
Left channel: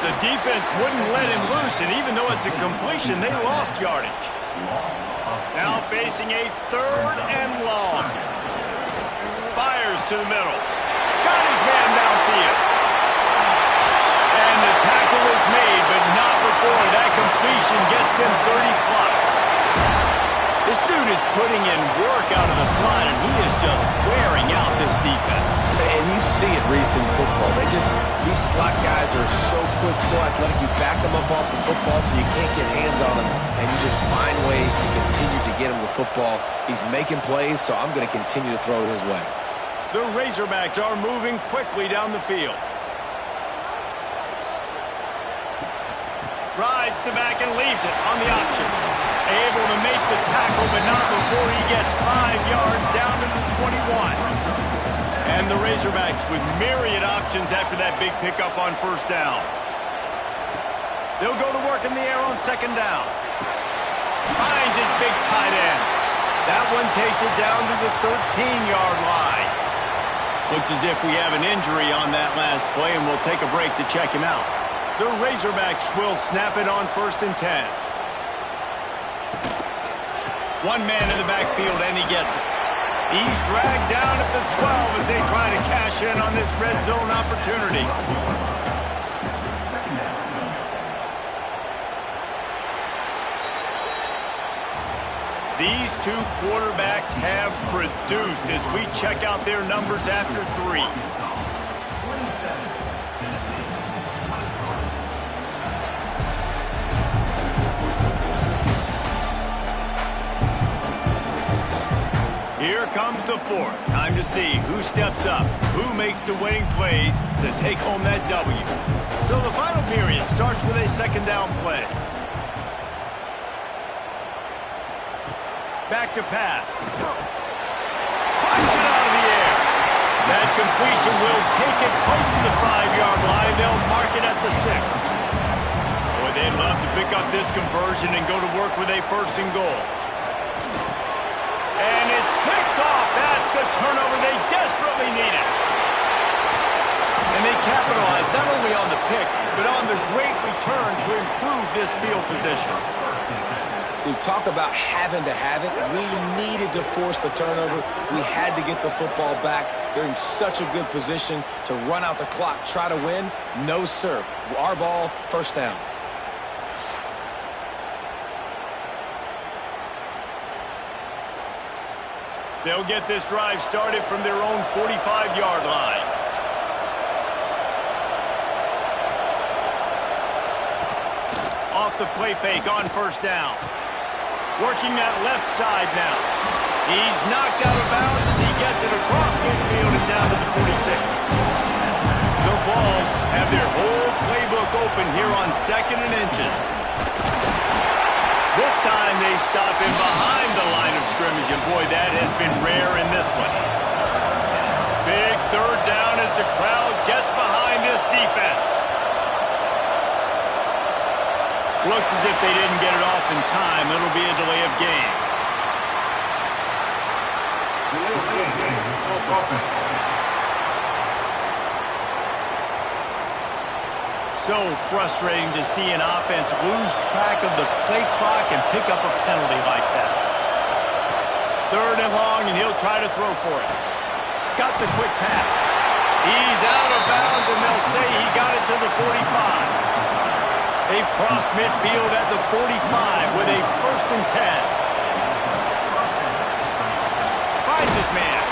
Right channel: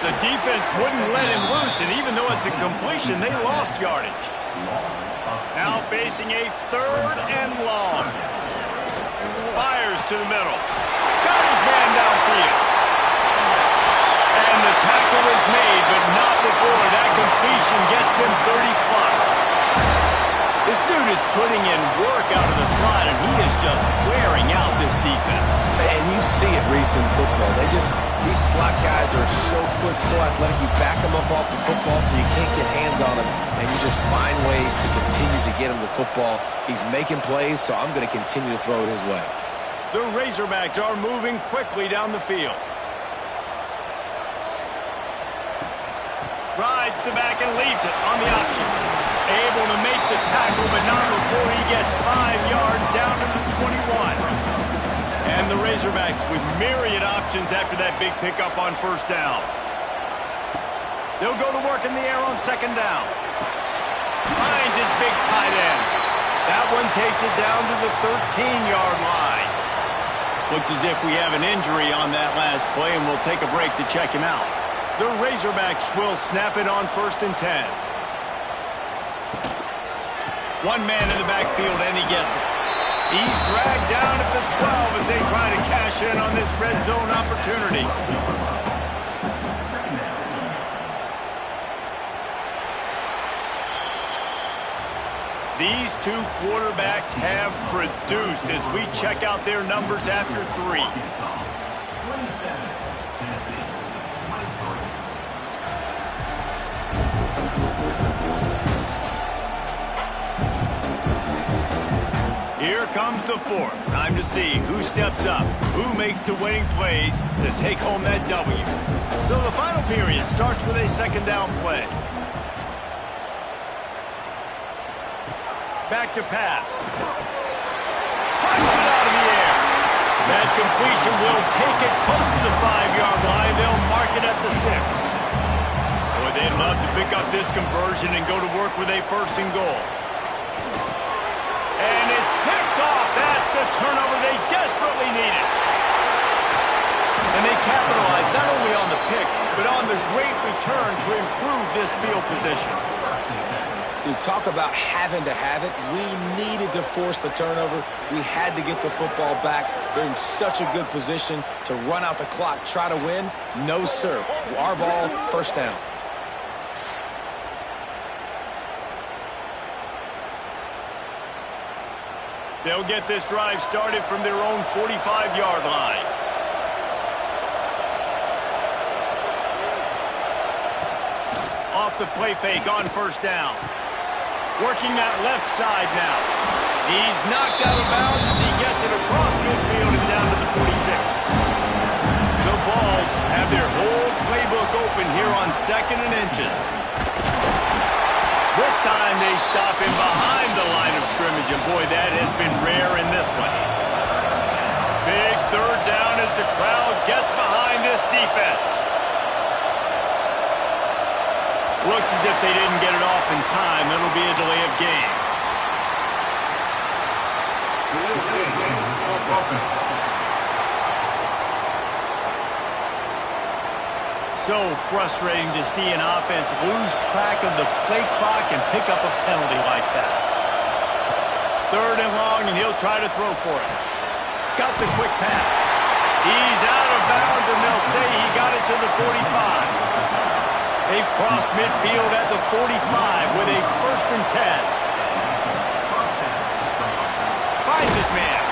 The defense wouldn't let him loose, and even though it's a completion, they lost yardage. Now facing a 3rd and long. Fires to the middle. Got his man downfield. And the tackle is made, but not before that completion gets them 30-plus. This dude is putting in work out of the slot, and he is just wearing out this defense. And you see it, Reese, in football. These slot guys are so quick, so athletic. You back them up off the football so you can't get hands on them, and you just find ways to continue to get him the football. He's making plays, so I'm going to continue to throw it his way. The Razorbacks are moving quickly down the field. Rides the back and leaves it on the option. Able to make the tackle, but not before he gets 5 yards down to the 21. And the Razorbacks with myriad options after that big pickup on 1st down. They'll go to work in the air on 2nd down. Finds his big tight end. That one takes it down to the 13-yard line. Looks as if we have an injury on that last play, and we'll take a break to check him out. The Razorbacks will snap it on 1st and 10. One man in the backfield, and he gets it. He's dragged down at the 12 as they try to cash in on this red zone opportunity. These two quarterbacks have produced as we check out their numbers after 3. Here comes the 4th. Time to see who steps up, who makes the winning plays to take home that W. So the final period starts with a 2nd down play. Back to pass. Punch it out of the air. That completion will take it close to the 5-yard line. They'll mark it at the 6. Boy, they'd love to pick up this conversion and go to work with a 1st and goal. And it's picked off. That's the turnover they desperately needed. And they capitalized not only on the pick, but on the great return to improve this field position. Dude, talk about having to have it. We needed to force the turnover. We had to get the football back. They're in such a good position to run out the clock, try to win. No, sir. Our ball, first down. They'll get this drive started from their own 45-yard line. Off the play fake on first down. Working that left side now. He's knocked out of bounds as he gets it across midfield and down to the 46. The Vols have their whole playbook open here on 2nd and inches. This time they stop him behind the line of scrimmage, and boy, that has been rare in this one. Big third down as the crowd gets behind this defense. Looks as if they didn't get it off in time. It'll be a delay of game. So frustrating to see an offense lose track of the play clock and pick up a penalty like that. 3rd and long, and he'll try to throw for it. Got the quick pass. He's out of bounds, and they'll say he got it to the 45. They've crossed midfield at the 45 with a 1st and 10. Finds his man.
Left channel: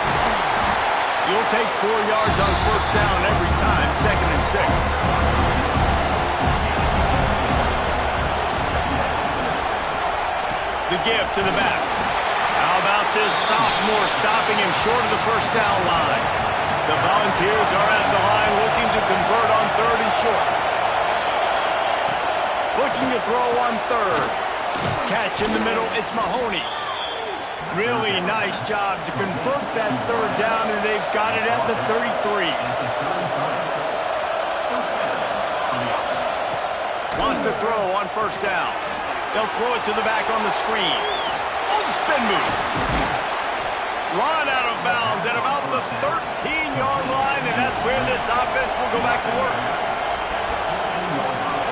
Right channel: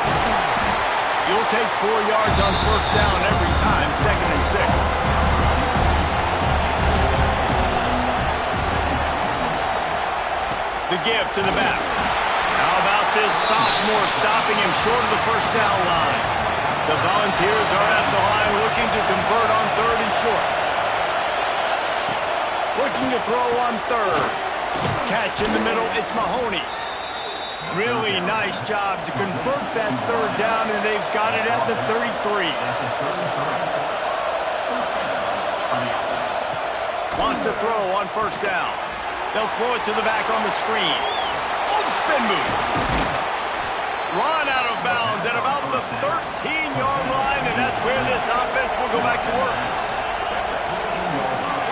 You'll take 4 yards on first down every time, 2nd and 6. The give to the back. How about this sophomore stopping him short of the first down line? The Volunteers are at the line looking to convert on 3rd and short. Looking to throw on 3rd. Catch in the middle, it's Mahoney. Really nice job to convert that 3rd down, and they've got it at the 33. Wants to throw on first down. They'll throw it to the back on the screen. Oh, spin move. Run out of bounds at about the 13-yard line, and that's where this offense will go back to work.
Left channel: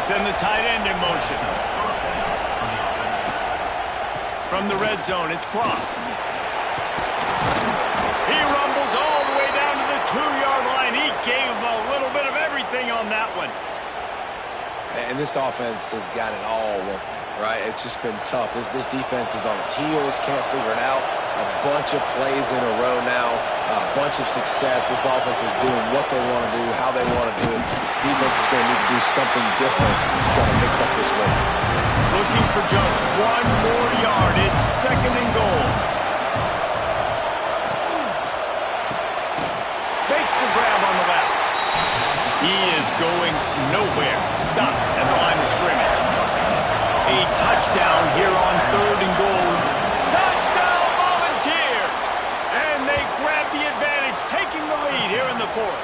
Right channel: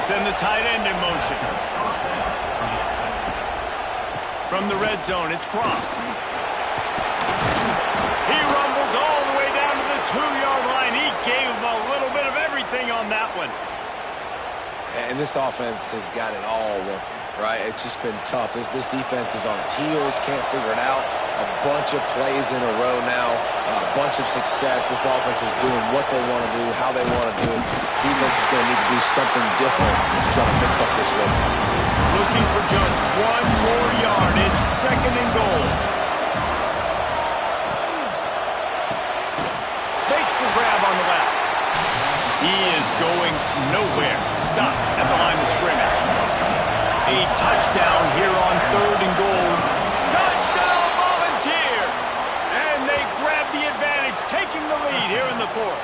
Send the tight end in motion. From the red zone, it's Cross. He rumbles all the way down to the 2-yard line. He gave him a little bit of everything on that one. And this offense has got it all working, right? It's just been tough. This defense is on its heels, can't figure it out. A bunch of plays in a row now, a bunch of success. This offense is doing what they want to do, how they want to do it. Defense is going to need to do something different to try to mix up this rhythm. Looking for just 1 more yard. It's 2nd and goal. Makes the grab on the left. He is going nowhere. Stop at the line of scrimmage. A touchdown here on 3rd and goal. Touchdown Volunteers! And they grab the advantage, taking the lead here in the 4th.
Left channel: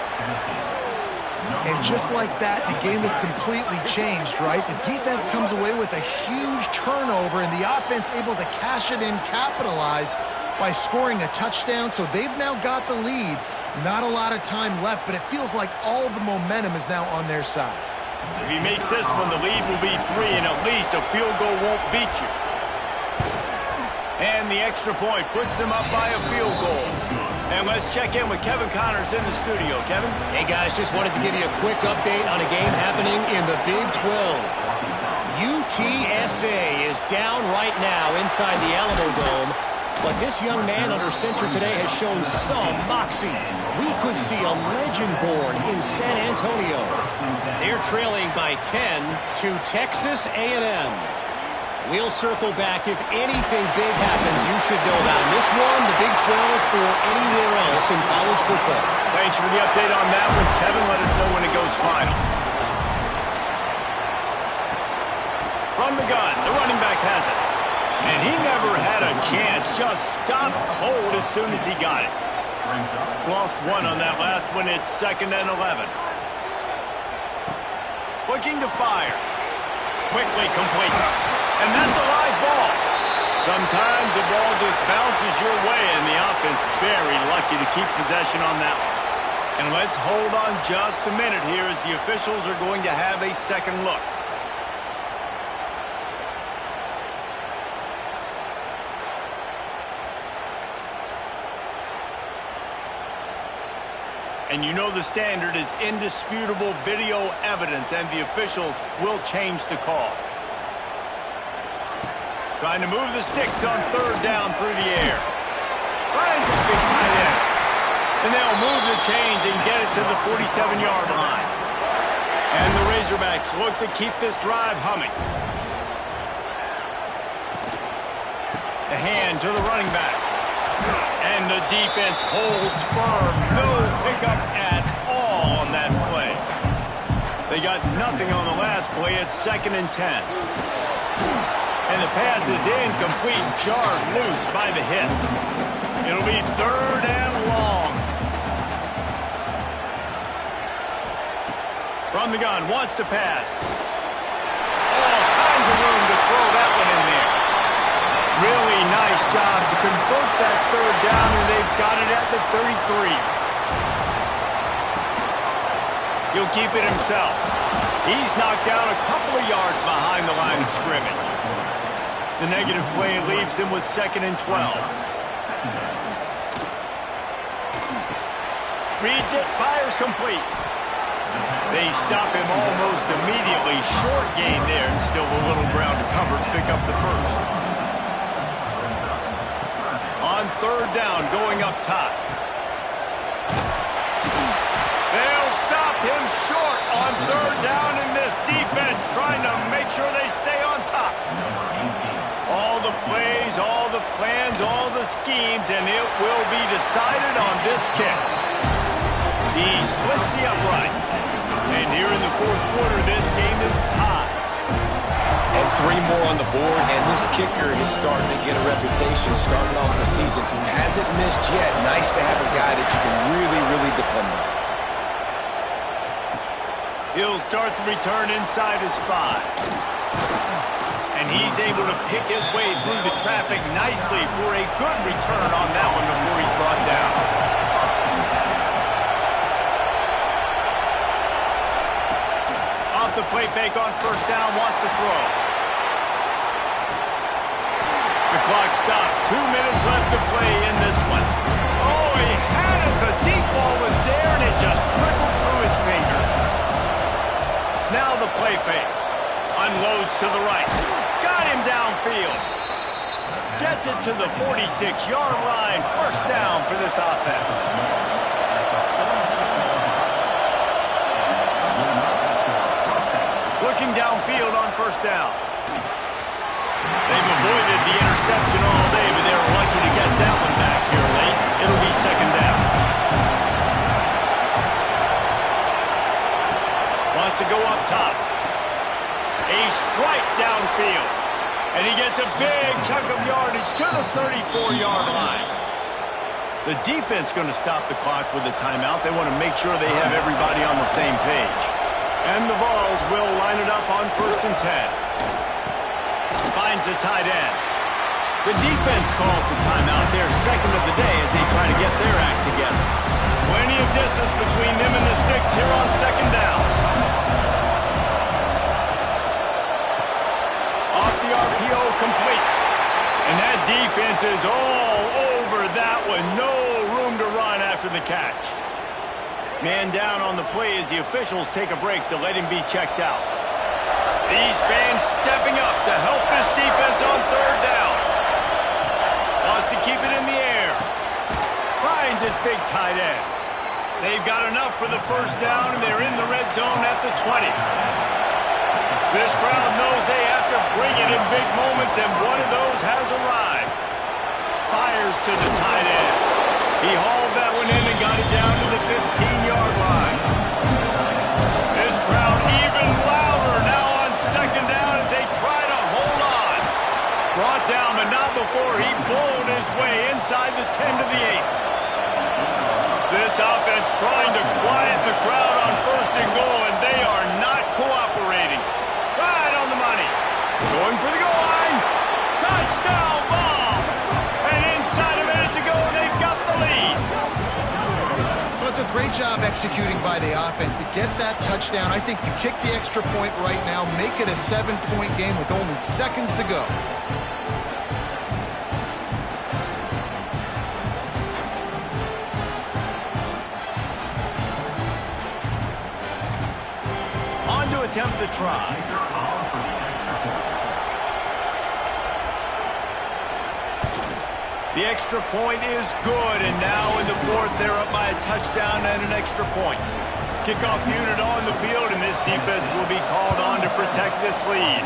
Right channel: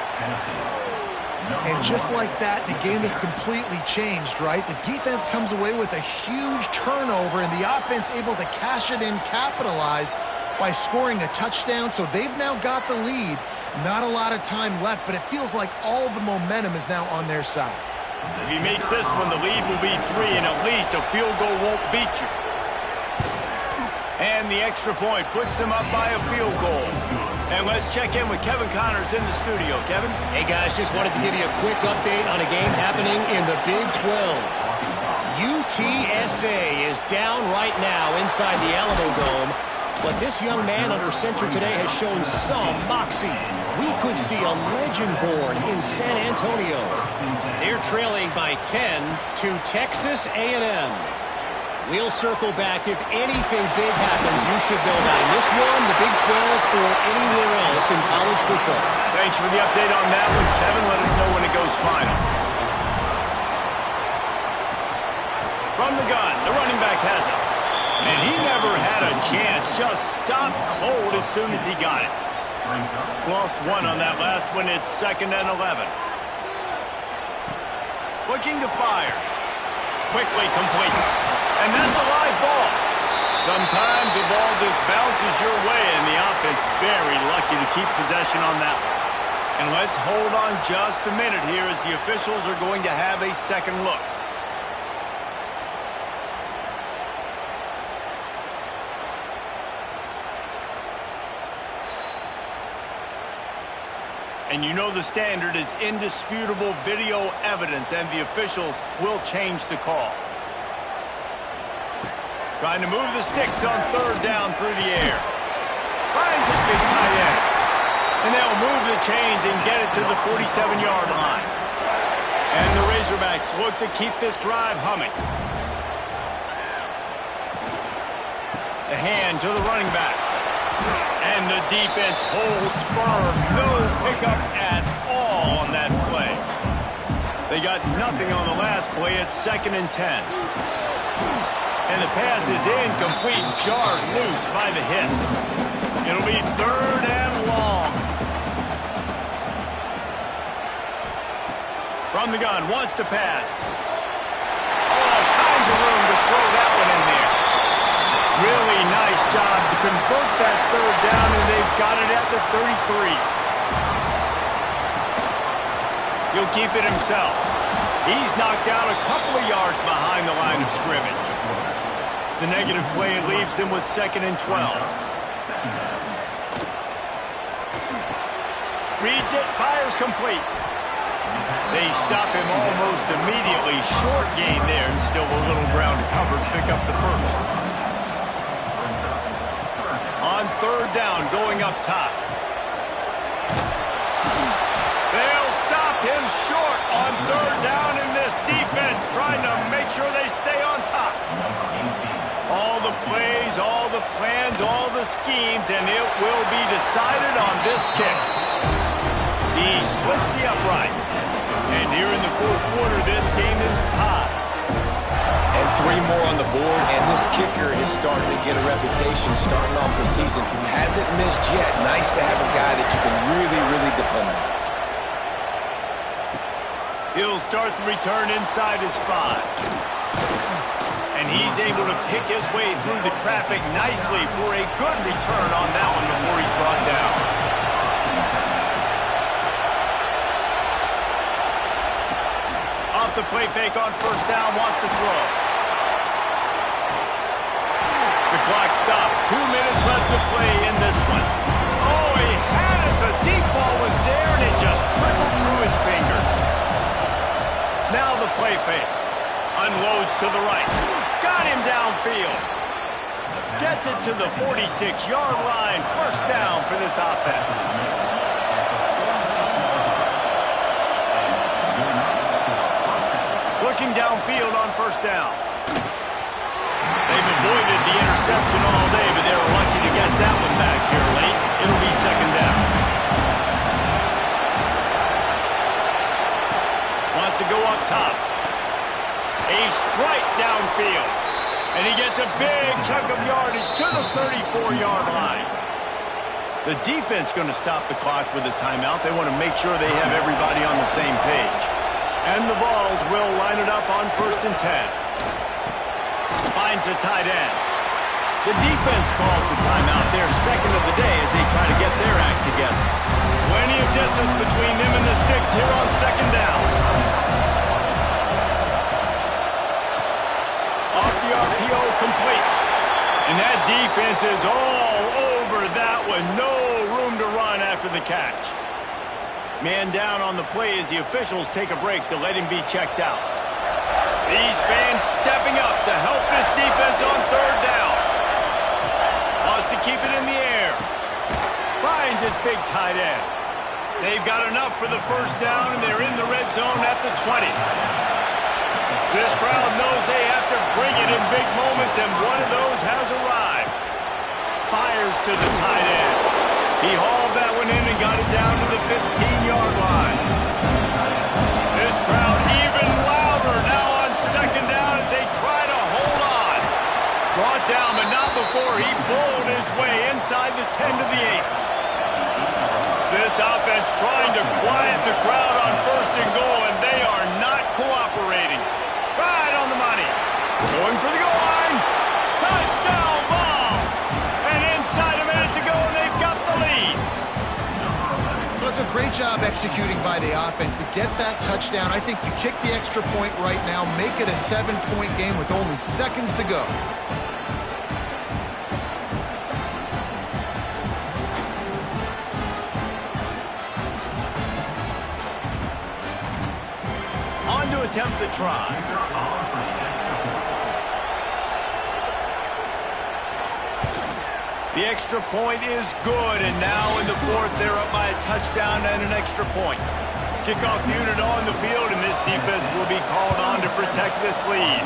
And just like that, the game is completely changed, right? The defense comes away with a huge turnover, and the offense able to cash it in, capitalize by scoring a touchdown. So they've now got the lead. Not a lot of time left, but it feels like all the momentum is now on their side. If he makes this one, the lead will be 3, and at least a field goal won't beat you. And the extra point puts them up by a field goal. And let's check in with Kevin Connors in the studio. Kevin? Hey, guys, just wanted to give you a quick update on a game happening in the Big 12. UTSA is down right now inside the Alamo Dome, but this young man under center today has shown some moxie. We could see a legend born in San Antonio. They're trailing by 10 to Texas A&M. We'll circle back. If anything big happens, you should know that in this one, the Big 12, or anywhere else in college football. Thanks for the update on that one, Kevin. Let us know when it goes final. From the gun, the running back has it. And he never had a chance. Just stopped cold as soon as he got it. Lost 1 on that last one. It's 2nd and 11. Looking to fire. Quickly complete. And that's a live ball. Sometimes the ball just bounces your way, and the offense very lucky to keep possession on that one. And let's hold on just a minute here as the officials are going to have a second look. And you know the standard is indisputable video evidence, and the officials will change the call. Trying to move the sticks on third down through the air. Finds his big tight end. And they'll move the chains and get it to the 47-yard line. And the Razorbacks look to keep this drive humming. The hand to the running back. And the defense holds firm. No pickup at all on that play. They got nothing on the last play. It's 2nd and 10. And the pass is incomplete. Jars loose by the hit. It'll be 3rd and long. From the gun, wants to pass. All kinds of room to throw that one in there. Really nice job to convert that 3rd down, and they've got it at the 33. He'll keep it himself. He's knocked down a couple of yards behind the line of scrimmage. The negative play leaves him with 2nd and 12. Reads it, fires complete. They stop him almost immediately. Short gain there, and still a little ground to cover to pick up the first. On 3rd down, going up top. They'll stop him short on 3rd down, and this defense trying to make sure they stay on top. All the plays, all the plans, all the schemes, and it will be decided on this kick. He splits the uprights. And here in the 4th quarter, this game is tied. And 3 more on the board, and this kicker is starting to get a reputation starting off the season. Hasn't missed yet. Nice to have a guy that you can really, really depend on. He'll start the return inside his 5. And he's able to pick his way through the traffic nicely for a good return on that one before he's brought down. Off the play fake on 1st down, wants to throw. The clock stops. 2 minutes left to play in this one. Oh, he had it. The deep ball was there, and it just trickled through his fingers. Now the play fake. Unloads to the right. Got him downfield. Gets it to the 46-yard line. 1st down for this offense. Looking downfield on 1st down. They've avoided the interception all day, but they were lucky to get that one back here late. It'll be 2nd down. Wants to go up top. A strike downfield. And he gets a big chunk of yardage to the 34-yard line. The defense going to stop the clock with a timeout. They want to make sure they have everybody on the same page. And the Vols will line it up on 1st and 10. Finds the tight end. The defense calls the timeout, their 2nd of the day, as they try to get their act together. Plenty of distance between them and the sticks here on 2nd down. Off the RPO, complete. And that defense is all over that one. No room to run after the catch. Man down on the play as the officials take a break to let him be checked out. These fans stepping up to help this defense on 3rd down. Wants to keep it in the air. Finds his big tight end. They've got enough for the 1st down, and they're in the red zone at the 20. This crowd knows they have to bring it in big moments, and one of those has arrived. Fires to the tight end. He hauled that one in and got it down to the 15-yard line. This crowd even louder now on 2nd down as they try to hold on. Brought down, but not before he bowled his way inside the 10 to the 8. This offense trying to quiet the crowd on 1st and goal, and they are not cooperating. Right on the money. Going for the goal line. Touchdown, Vols! And inside a minute to go, and they've got the lead. it's a great job executing by the offense to get that touchdown. I think you kick the extra point right now, make it a 7-point game with only seconds to go. On to attempt the try. The extra point is good, and now in the fourth, they're up by a touchdown and an extra point. Kickoff unit on the field, and this defense will be called on to protect this lead.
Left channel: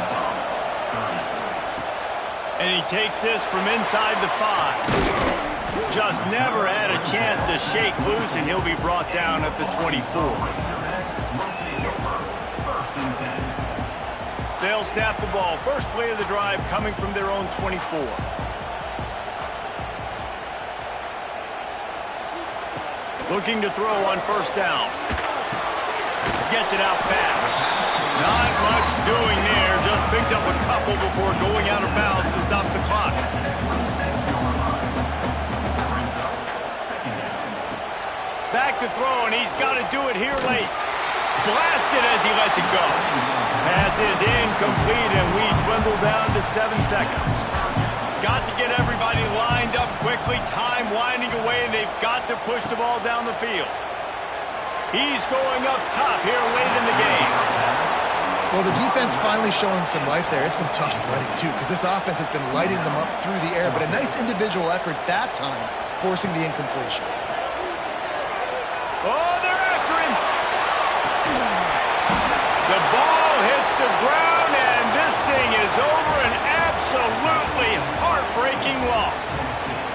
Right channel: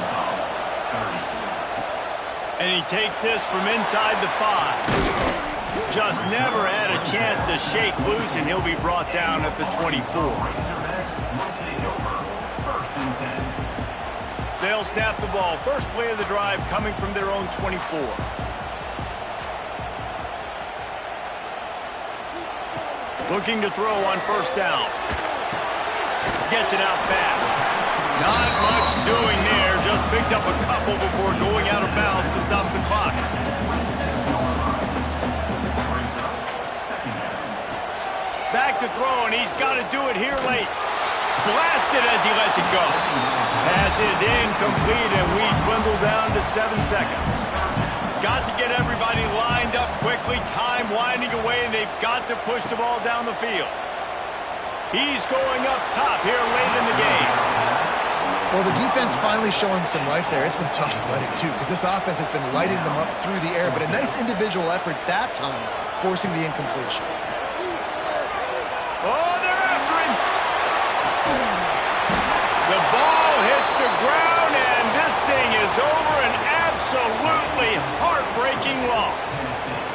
And he takes this from inside the 5. Just never had a chance to shake loose, and he'll be brought down at the 24. They'll snap the ball. First play of the drive coming from their own 24. Looking to throw on first down. Gets it out fast. Not much doing there. Just picked up a couple before going out of bounds to stop the clock. Back to throw, and he's got to do it here late. Blasted as he lets it go. Pass is incomplete, and we dwindle down to 7 seconds. Got to get everybody lined up quickly. Time winding away, and they've got to push the ball down the field. He's going up top here late in the game. Well, the defense finally showing some life there. It's been tough sledding, too, because this offense has been lighting them up through the air, but a nice individual effort that time, forcing the incompletion. Oh, they're after him. The ball hits the ground, and this thing is over. An absolutely heartbreaking loss.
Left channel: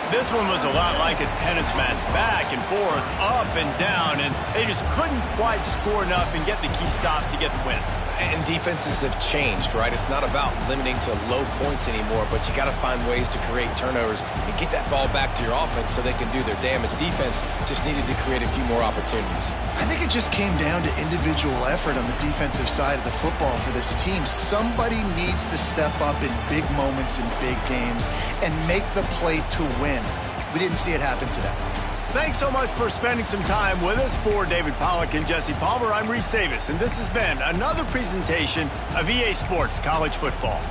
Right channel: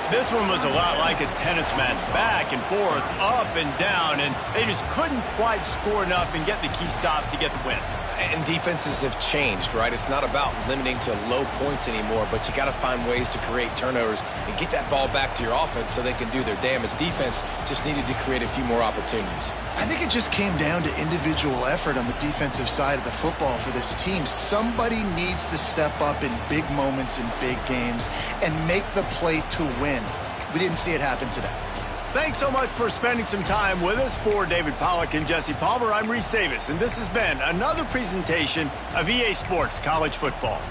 This one was a lot like a tennis match, back and forth, up and down, and they just couldn't quite score enough and get the key stop to get the win. And defenses have changed, right? It's not about limiting to low points anymore, but you got to find ways to create turnovers and get that ball back to your offense so they can do their damage. Defense just needed to create a few more opportunities. I think it just came down to individual effort on the defensive side of the football for this team. Somebody needs to step up in big moments in big games and make the play to win. We didn't see it happen today. Thanks so much for spending some time with us. For David Pollack and Jesse Palmer, I'm Reese Davis, and this has been another presentation of EA Sports College Football.